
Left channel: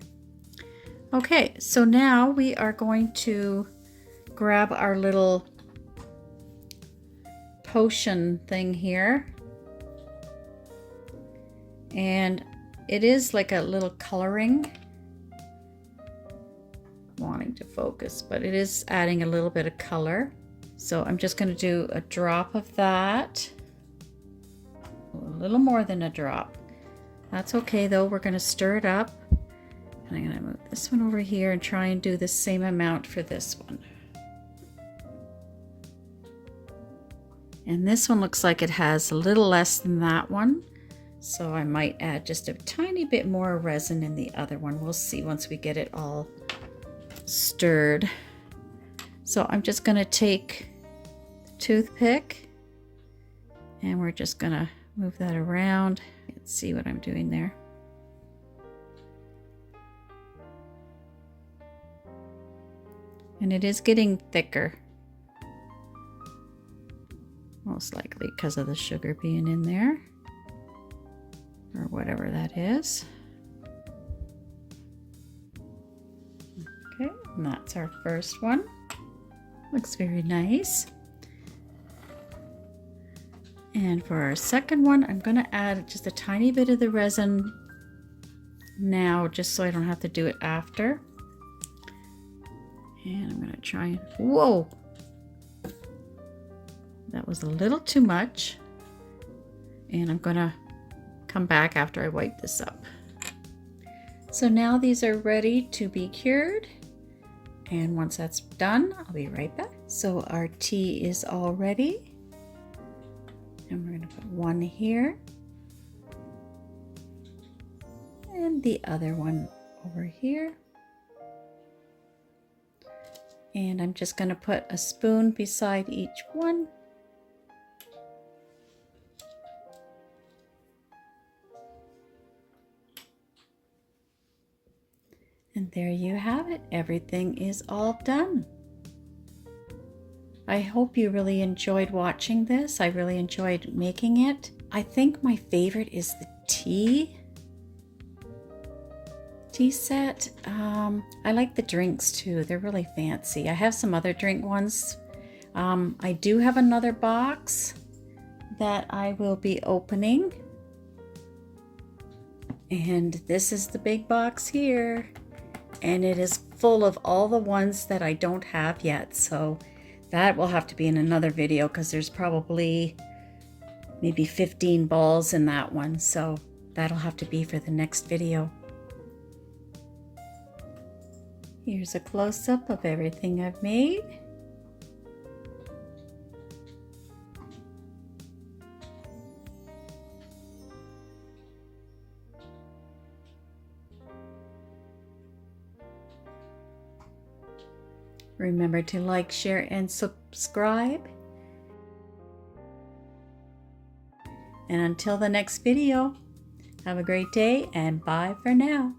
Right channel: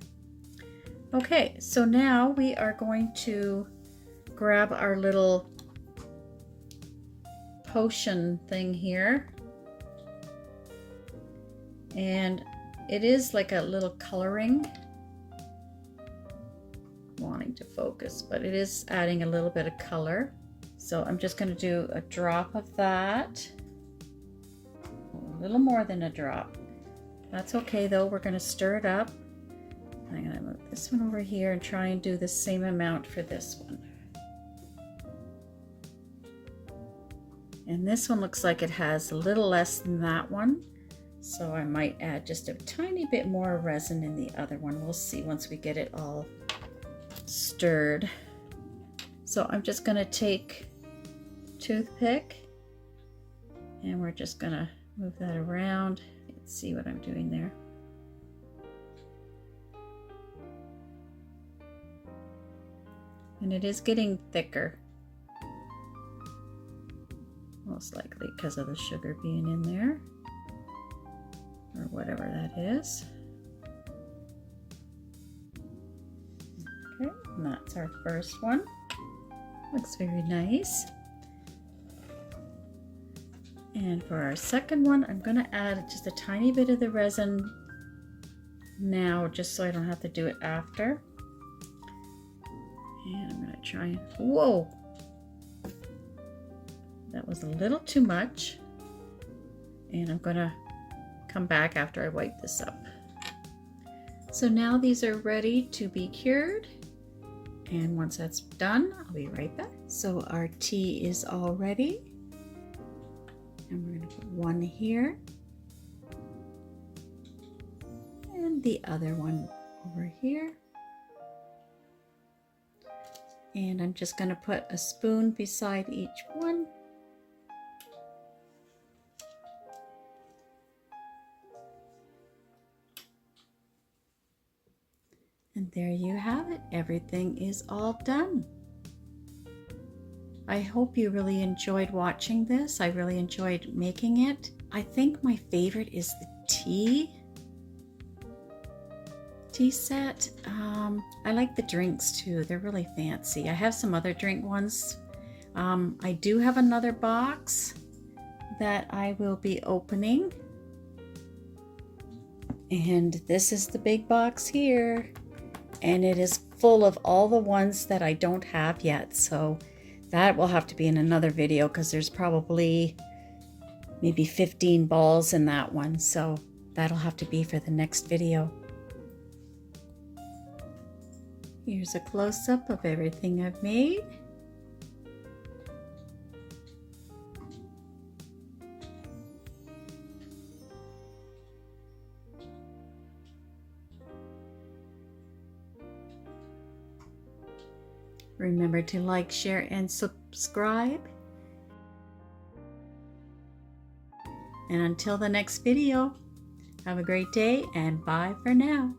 Okay, so now we are going to grab our little potion thing here. And it is like a little coloring. Wanting to focus, but it is adding a little bit of color. So I'm just going to do a drop of that. A little more than a drop. That's okay though, we're going to stir it up. And I'm going to move this one over here and try and do the same amount for this one. And this one looks like it has a little less than that one. So I might add just a tiny bit more resin in the other one. We'll see once we get it all stirred. So I'm just going to take the toothpick and we're just going to move that around. Let's see what I'm doing there. And it is getting thicker. Most likely because of the sugar being in there. Or whatever that is. Okay, and that's our first one. Looks very nice. And for our second one, I'm going to add just a tiny bit of the resin now, just so I don't have to do it after. And I'm going to try and, whoa! That was a little too much. And I'm going to come back after I wipe this up. So now these are ready to be cured. And once that's done, I'll be right back. So our tea is all ready. And we're going to put one here. And the other one over here. And I'm just going to put a spoon beside each one. And there you have it. Everything is all done. I hope you really enjoyed watching this. I really enjoyed making it. I think my favorite is the tea set. I like the drinks too. They're really fancy. I have some other drink ones. I do have another box that I will be opening. And this is the big box here. And it is full of all the ones that I don't have yet. So that will have to be in another video because there's probably maybe 15 balls in that one. So that'll have to be for the next video. Here's a close-up of everything I've made. Remember to like, share, and subscribe. And until the next video, have a great day and bye for now.